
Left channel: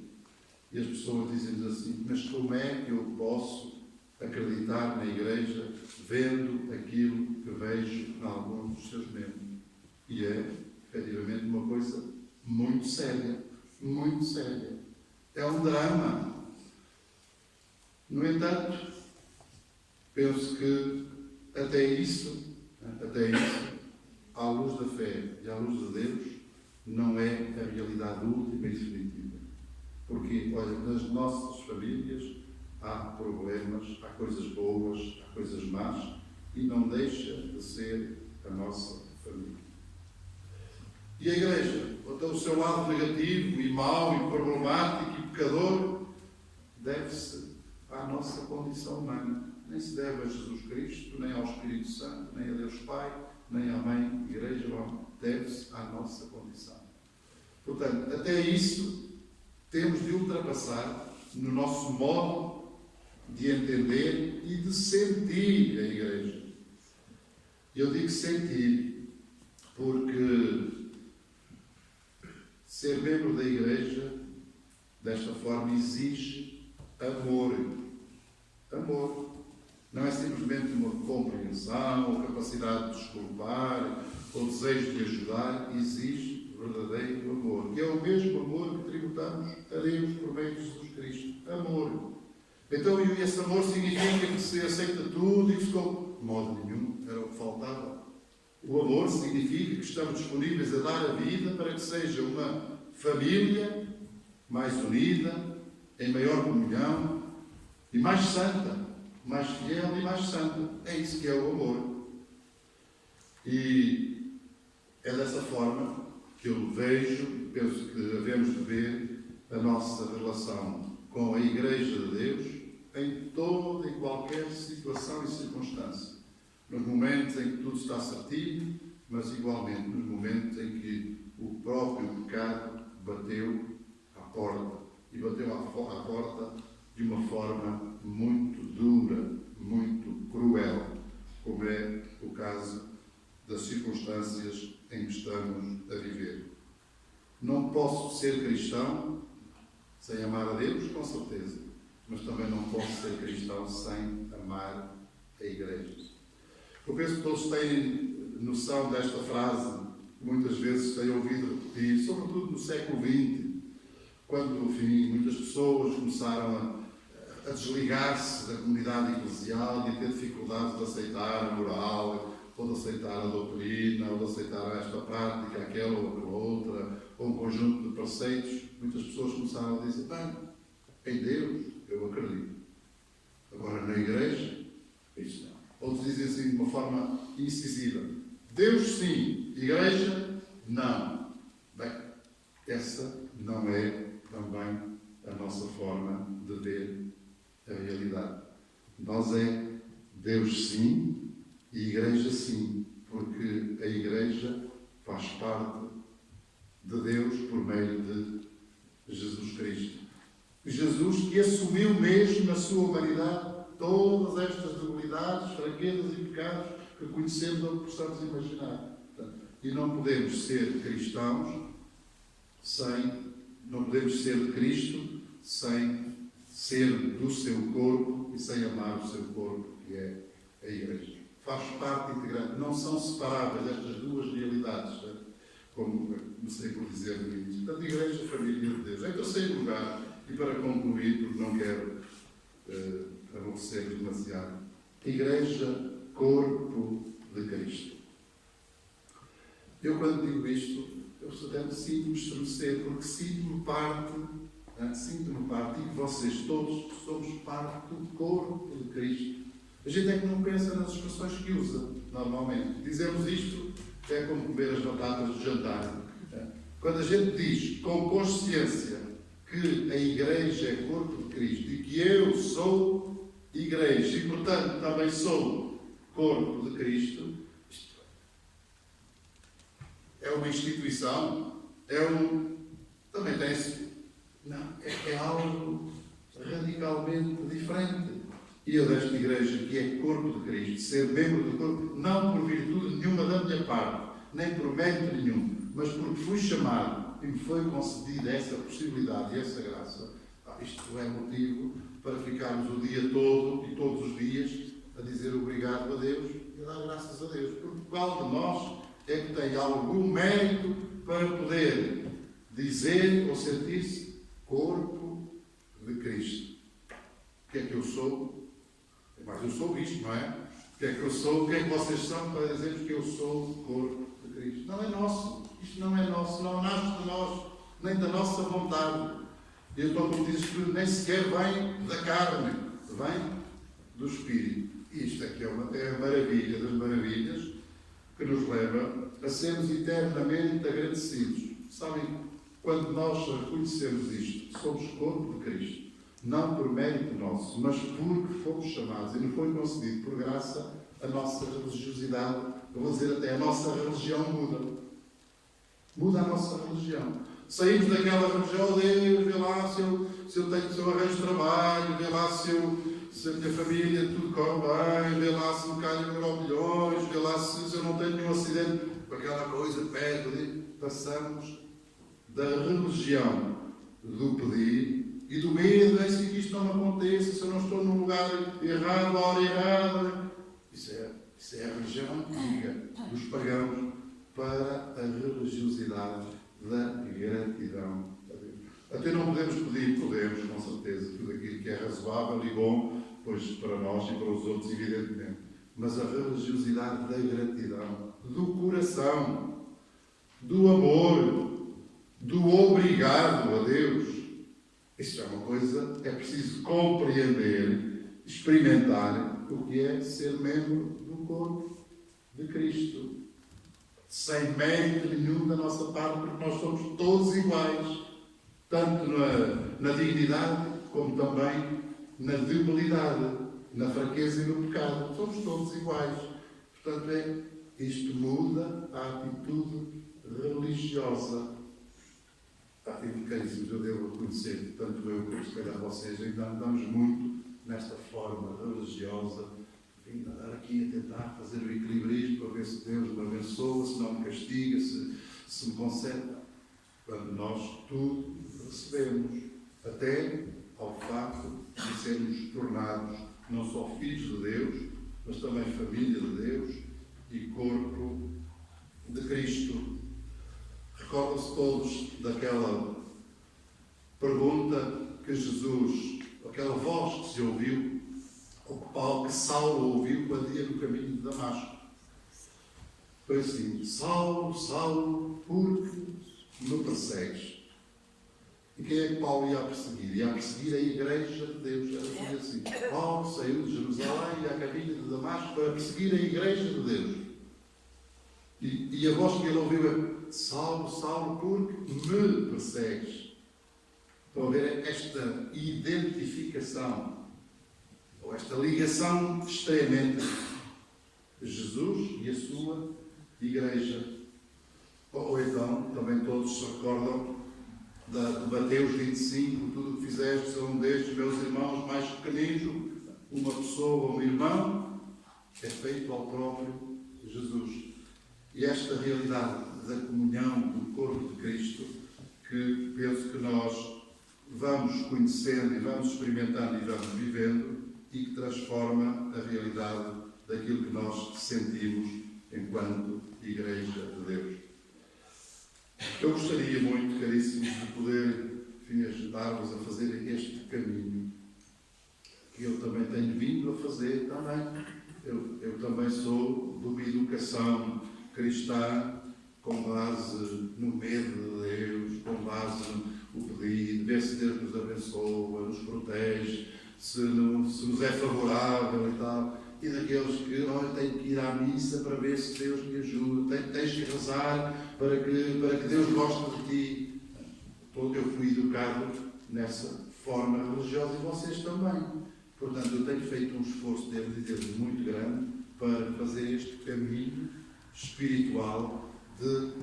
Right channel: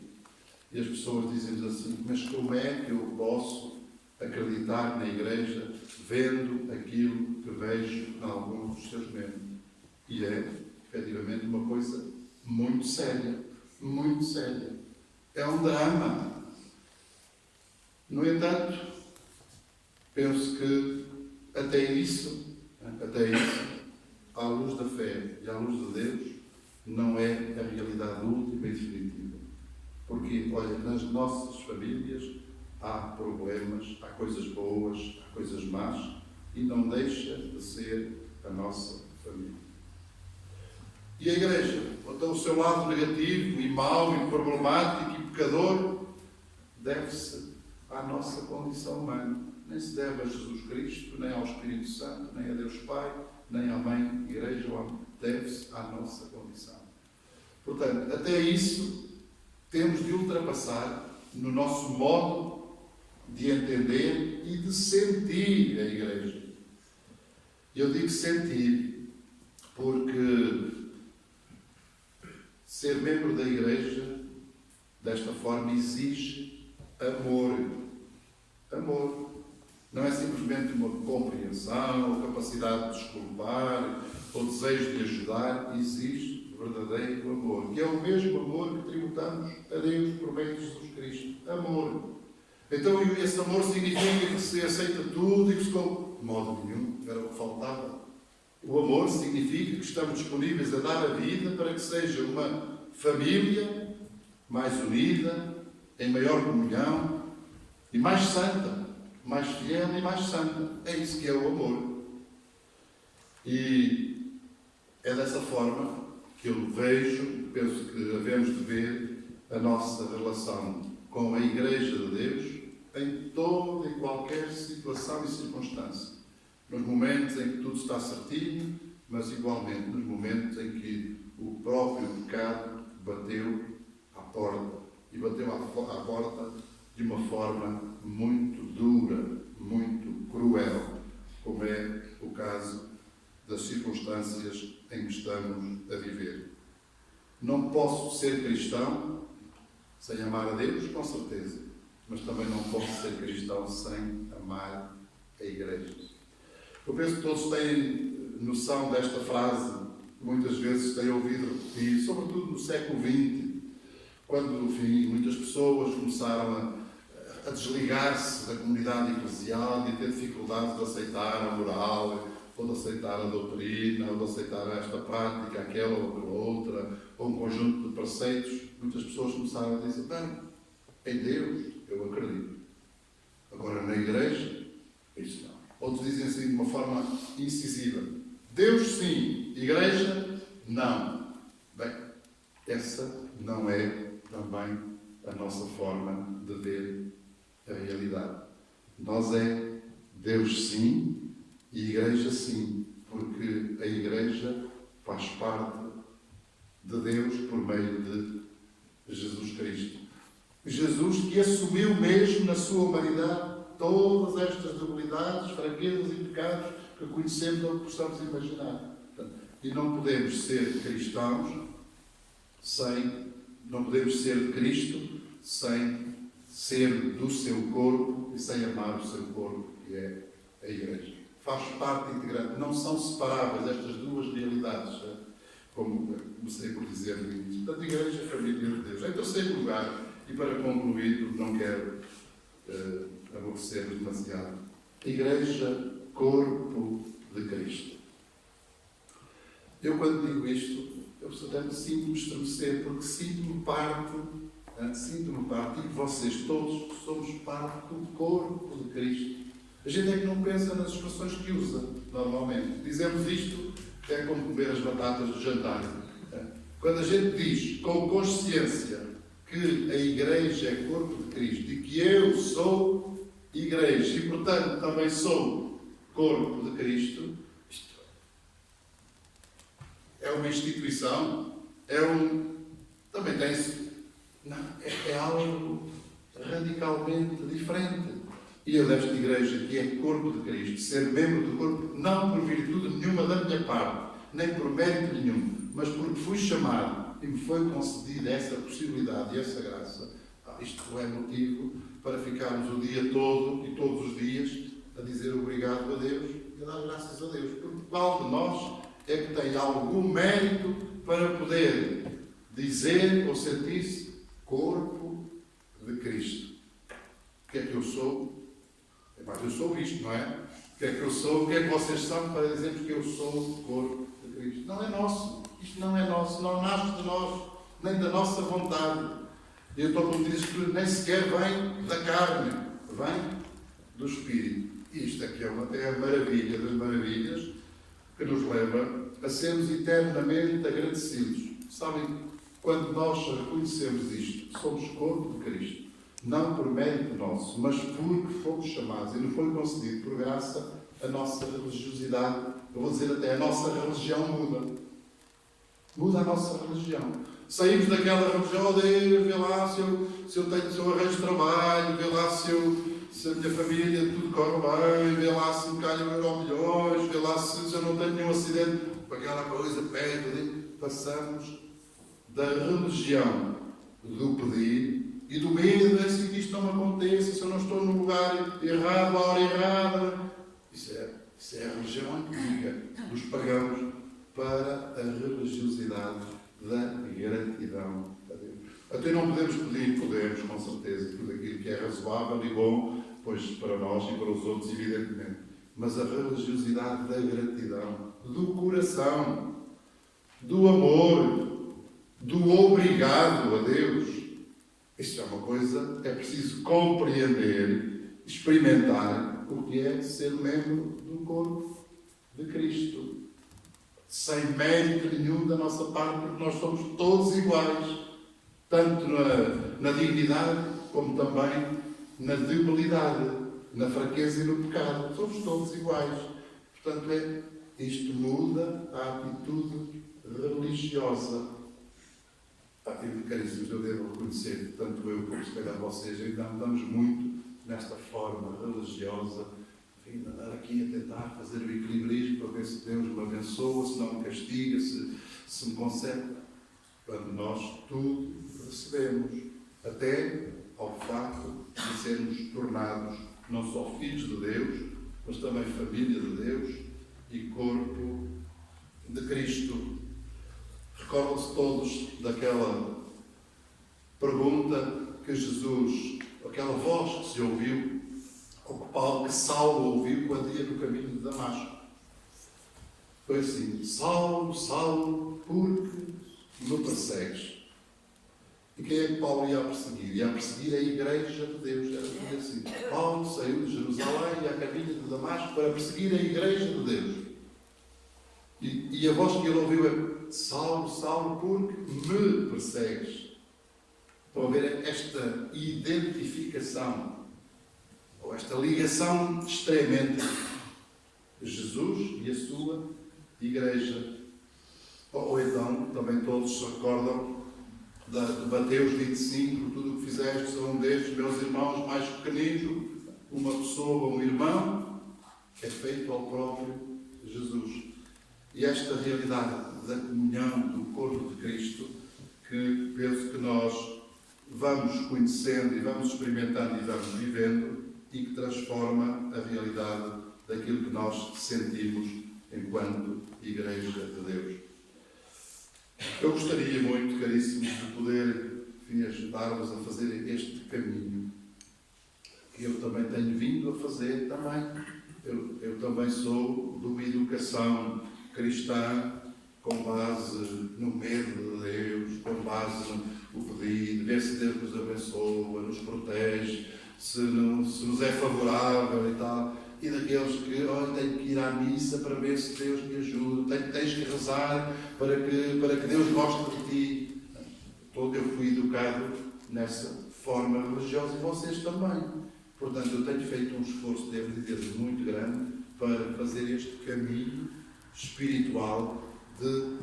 E as pessoas dizem-nos assim: mas como é que eu posso acreditar na Igreja vendo aquilo que vejo em alguns dos seus membros? E é, efetivamente, uma coisa muito séria, muito séria. É um drama. No entanto, penso que até isso, à luz da fé e à luz de Deus, não é a realidade última e definitiva. Porque, olha, nas nossas famílias há problemas, há coisas boas, há coisas más, e não deixa de ser a nossa família. E a Igreja, o seu lado negativo e mau e problemático e pecador, deve-se à nossa condição humana. nem se deve a Jesus Cristo, nem ao Espírito Santo, nem a Deus Pai, nem à Mãe, Igreja, deve-se à nossa condição. Portanto, até isso temos de ultrapassar no nosso modo de entender e de sentir a Igreja. Eu digo sentir porque ser membro da Igreja, desta forma, exige amor. Amor. Não é simplesmente uma compreensão, ou capacidade de desculpar, ou desejo de ajudar. Exige verdadeiro amor. E é o mesmo amor que tributamos a Deus por meio de Jesus Cristo. Amor. Então, esse amor significa que se aceita tudo e que se come. De modo nenhum, era o que faltava. O amor significa que estamos disponíveis a dar a vida para que seja uma família mais unida, em maior comunhão e mais santa, mais fiel e mais santa. É isso que é o amor. E é dessa forma que eu vejo, penso que devemos de ver a nossa relação com a Igreja de Deus em toda e qualquer situação e circunstância. Nos momentos em que tudo está certinho, mas igualmente nos momentos em que o próprio pecado bateu à porta. E bateu à porta de uma forma muito dura, muito cruel, como é o caso das circunstâncias em que estamos a viver. Não posso ser cristão sem amar a Deus, com certeza, mas também não posso ser cristão sem amar a Igreja. Eu penso que todos têm noção desta frase, que muitas vezes têm ouvido repetir, sobretudo no século XX, quando, enfim, muitas pessoas começaram a desligar-se da comunidade eclesial e a ter dificuldades de aceitar a moral, ou de aceitar a doutrina, ou de aceitar esta prática, aquela ou aquela outra, ou um conjunto de preceitos. Muitas pessoas começaram a dizer: bem, em Deus eu acredito. Agora, na Igreja, isso não. Outros dizem assim de uma forma incisiva: Deus sim, Igreja não. Bem, essa não é também a nossa forma de ver a realidade. Nós é Deus sim e Igreja sim, porque a Igreja faz parte de Deus por meio de Jesus Cristo. Jesus que assumiu mesmo na sua humanidade todas estas debilidades, fraquezas e pecados que conhecemos ou que possamos imaginar. E não podemos ser cristãos não podemos ser de Cristo sem ser do seu corpo e sem amar o seu corpo, que é a Igreja. Faz parte integrante, não são separáveis estas duas realidades, como comecei por dizer no início. Portanto, a Igreja é a família de Deus. Em terceiro lugar, e para concluir, porque não quero aborrecer demasiado, a Igreja, corpo de Cristo. Eu, quando digo isto, eu sinto-me estremecer, porque sinto-me parte, e vocês todos somos parte do corpo de Cristo. A gente é que não pensa nas expressões que usa, normalmente. Dizemos isto, é como comer as batatas do jantar. Quando a gente diz, com consciência, que a Igreja é corpo de Cristo e que eu sou Igreja e, portanto, também sou corpo de Cristo, isto é uma instituição, também tem-se, é algo radicalmente diferente. E eu desta Igreja, que é corpo de Cristo, ser membro do corpo, não por virtude nenhuma da minha parte, nem por mérito nenhum, mas porque fui chamado e me foi concedida essa possibilidade e essa graça, isto é motivo para ficarmos o dia todo e todos os dias a dizer obrigado a Deus e a dar graças a Deus. Porque qual de nós é que tem algum mérito para poder dizer ou sentir-se corpo de Cristo? O que é que eu sou? Mas eu sou isto, não é? O que é que eu sou? O que é que vocês são para dizermos que eu sou o corpo de Cristo? Não é nosso. Isto não é nosso. Não nasce de nós, nem da nossa vontade. E eu estou como diz que nem sequer vem da carne, vem do Espírito. E isto aqui é a maravilha das maravilhas que nos leva a sermos eternamente agradecidos. Sabem, quando nós reconhecemos isto, somos corpo de Cristo, não por mérito nosso, mas porque fomos chamados e nos foi concedido por graça a nossa religiosidade. Eu vou dizer até, a nossa religião muda. Muda a nossa religião. Saímos daquela religião, oh Deus, vê lá se eu arranjo trabalho, vê lá se a minha família tudo corre bem, vê lá se me calham euromilhões, vê lá se eu não tenho nenhum acidente, aquela coisa, pede. Passamos da religião do pedir e do medo, é assim que isto não me aconteça, se eu não estou no lugar errado, à hora errada. Isso é a religião antiga dos pagãos, para a religiosidade da gratidão a Deus. Até não podemos pedir, podemos, com certeza, tudo aquilo que é razoável e bom, pois para nós e para os outros, evidentemente. Mas a religiosidade da gratidão, do coração, do amor, do obrigado a Deus. Isto é uma coisa, é preciso compreender, experimentar o que é ser membro do corpo de Cristo. Sem mérito nenhum da nossa parte, porque nós somos todos iguais, tanto na dignidade, como também na debilidade, na fraqueza e no pecado. Somos todos iguais. Portanto, isto muda a atitude religiosa. Caríssimos, eu devo reconhecer que tanto eu como se calhar vocês ainda andamos muito nesta forma religiosa, enfim, andar aqui a tentar fazer o equilibrismo para ver se Deus me abençoa, se não me castiga, se me concede. Quando nós tudo recebemos, até ao facto de sermos tornados não só filhos de Deus, mas também família de Deus e corpo de Cristo. Recordam-se todos daquela pergunta que Jesus, aquela voz que se ouviu, ou que Saulo ouviu quando ia no caminho de Damasco. Foi assim: Saulo, Saulo, por que me persegues? E quem é que Paulo ia perseguir? Ia perseguir a Igreja de Deus. Era assim: Paulo saiu de Jerusalém e ia a caminho de Damasco para perseguir a Igreja de Deus. E a voz que ele ouviu é: Saulo, Saulo, por que me persegues? Estão a ver esta identificação, ou esta ligação extrema entre Jesus e a sua Igreja. Ou então, também todos se recordam de Mateus 25, tudo o que fizeste a um destes meus irmãos mais pequeninos, uma pessoa, um irmão, é feito ao próprio Jesus. E esta realidade da comunhão do corpo de Cristo, que penso que nós vamos conhecendo e vamos experimentando e vamos vivendo, e que transforma a realidade daquilo que nós sentimos enquanto Igreja de Deus. Eu gostaria muito, caríssimos, de poder, enfim, ajudar-vos a fazer este caminho, que eu também tenho vindo a fazer também. Eu também sou de uma educação cristã com base no medo de Deus, com base no pedido, ver se Deus nos abençoa, nos protege, se nos é favorável e tal. E daqueles que, olha, tenho que ir à missa para ver se Deus me ajuda, tens que rezar para que Deus goste de ti. Eu fui educado nessa forma religiosa e vocês também. Portanto, eu tenho feito um esforço, devo dizer, muito grande para fazer este caminho espiritual de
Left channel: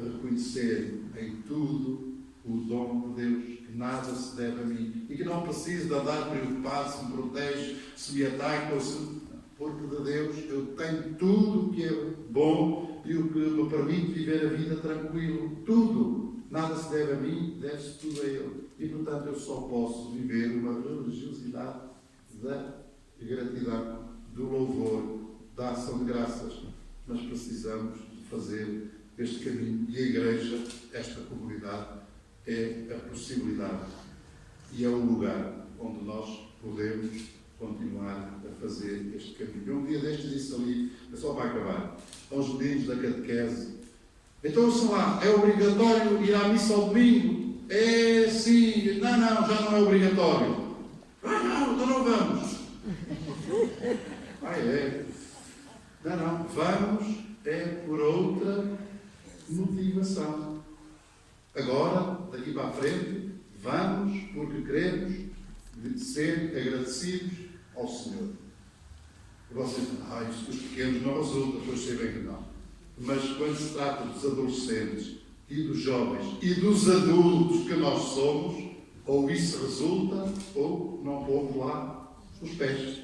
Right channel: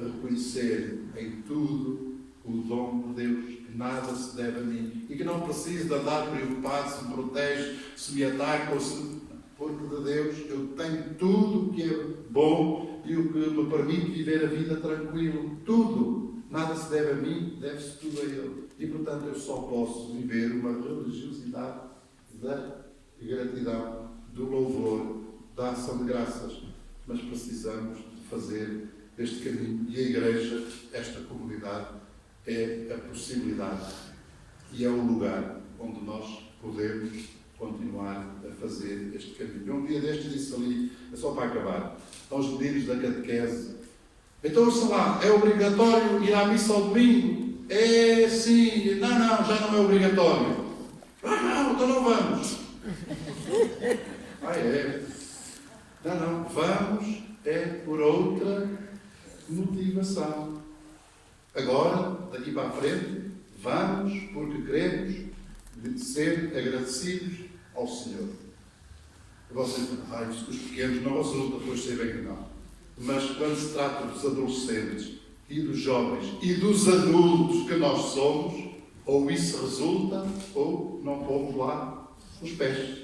reconhecer em tudo o dom de Deus, que nada se deve a mim e que não preciso de andar preocupado se me protege, se me ataca ou se... Porque de Deus eu tenho tudo o que é bom e o que me permite viver a vida tranquilo. Tudo. Nada se deve a mim, deve-se tudo a Ele. E, portanto, eu só posso viver uma religiosidade da gratidão, do louvor, da ação de graças. Mas precisamos de fazer este caminho. E a Igreja, esta comunidade, é a possibilidade e é o lugar onde nós podemos continuar a fazer este caminho. Um dia destes disse ali, é só para acabar, aos meninos da catequese: então, sei lá, é obrigatório ir à missa ao domingo? É sim. Não, já não é obrigatório. Não, então não vamos. É. Não, vamos é por outra motivação. Agora, daqui para a frente, vamos porque queremos de ser agradecidos ao Senhor. E vocês dizem, isto dos pequenos não resulta, pois sei bem que não. Mas quando se trata dos adolescentes e dos jovens e dos adultos que nós somos, ou isso resulta, ou não pomos lá os pés.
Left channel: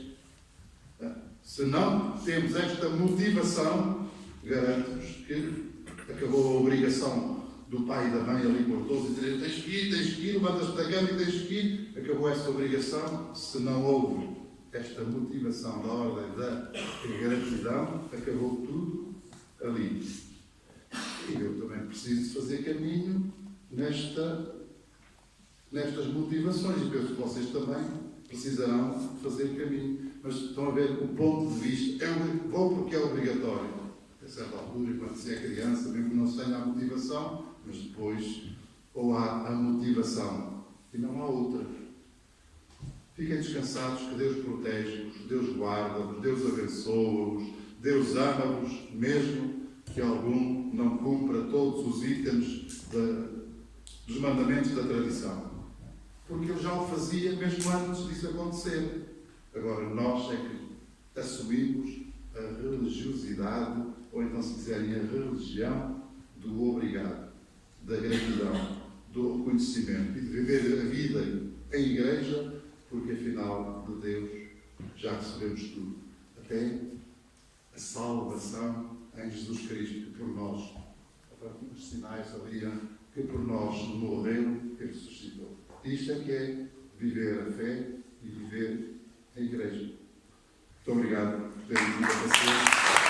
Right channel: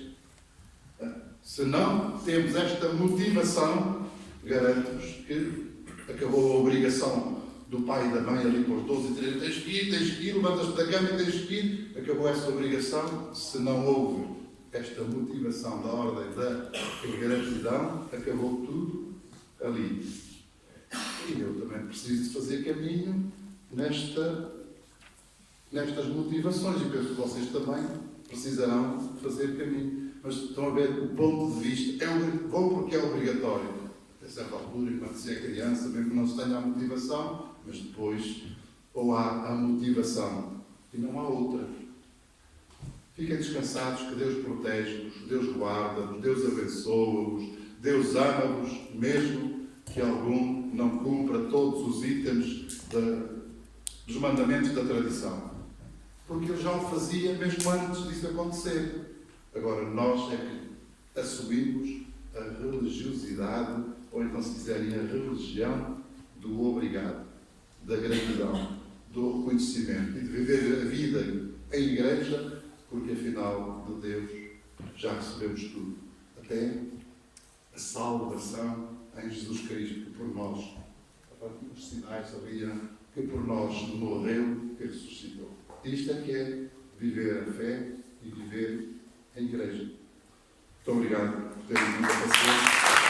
Se não temos esta motivação, garanto-vos que acabou a obrigação do pai e da mãe ali com os 12 e 13, tens que ir, levantas-te da cama e tens que ir. Acabou essa obrigação. Se não houve esta motivação da ordem da gratidão, acabou tudo ali. E eu também preciso de fazer caminho nestas motivações, e penso que vocês também precisarão de fazer caminho. Mas estão a ver o ponto de vista. Vou porque é obrigatório. A certa altura, quando se é criança, mesmo que não se tenha a motivação, mas depois ou há a motivação e não há outra. Fiquem descansados que Deus protege-vos, Deus guarda-vos, Deus abençoa-vos, Deus ama-vos, mesmo que algum não cumpra todos os itens dos mandamentos da tradição. Porque Ele já o fazia mesmo antes disso acontecer. Agora, nós é que assumimos a religiosidade, ou então, se quiserem, a religião do obrigado, da gratidão, do reconhecimento e de viver a vida em igreja, porque afinal de Deus já recebemos tudo. Até a salvação em Jesus Cristo, que por nós, os sinais sabiam que por nós morreu e ressuscitou. Isto é que é viver a fé e viver a igreja. Muito obrigado por terem vindo a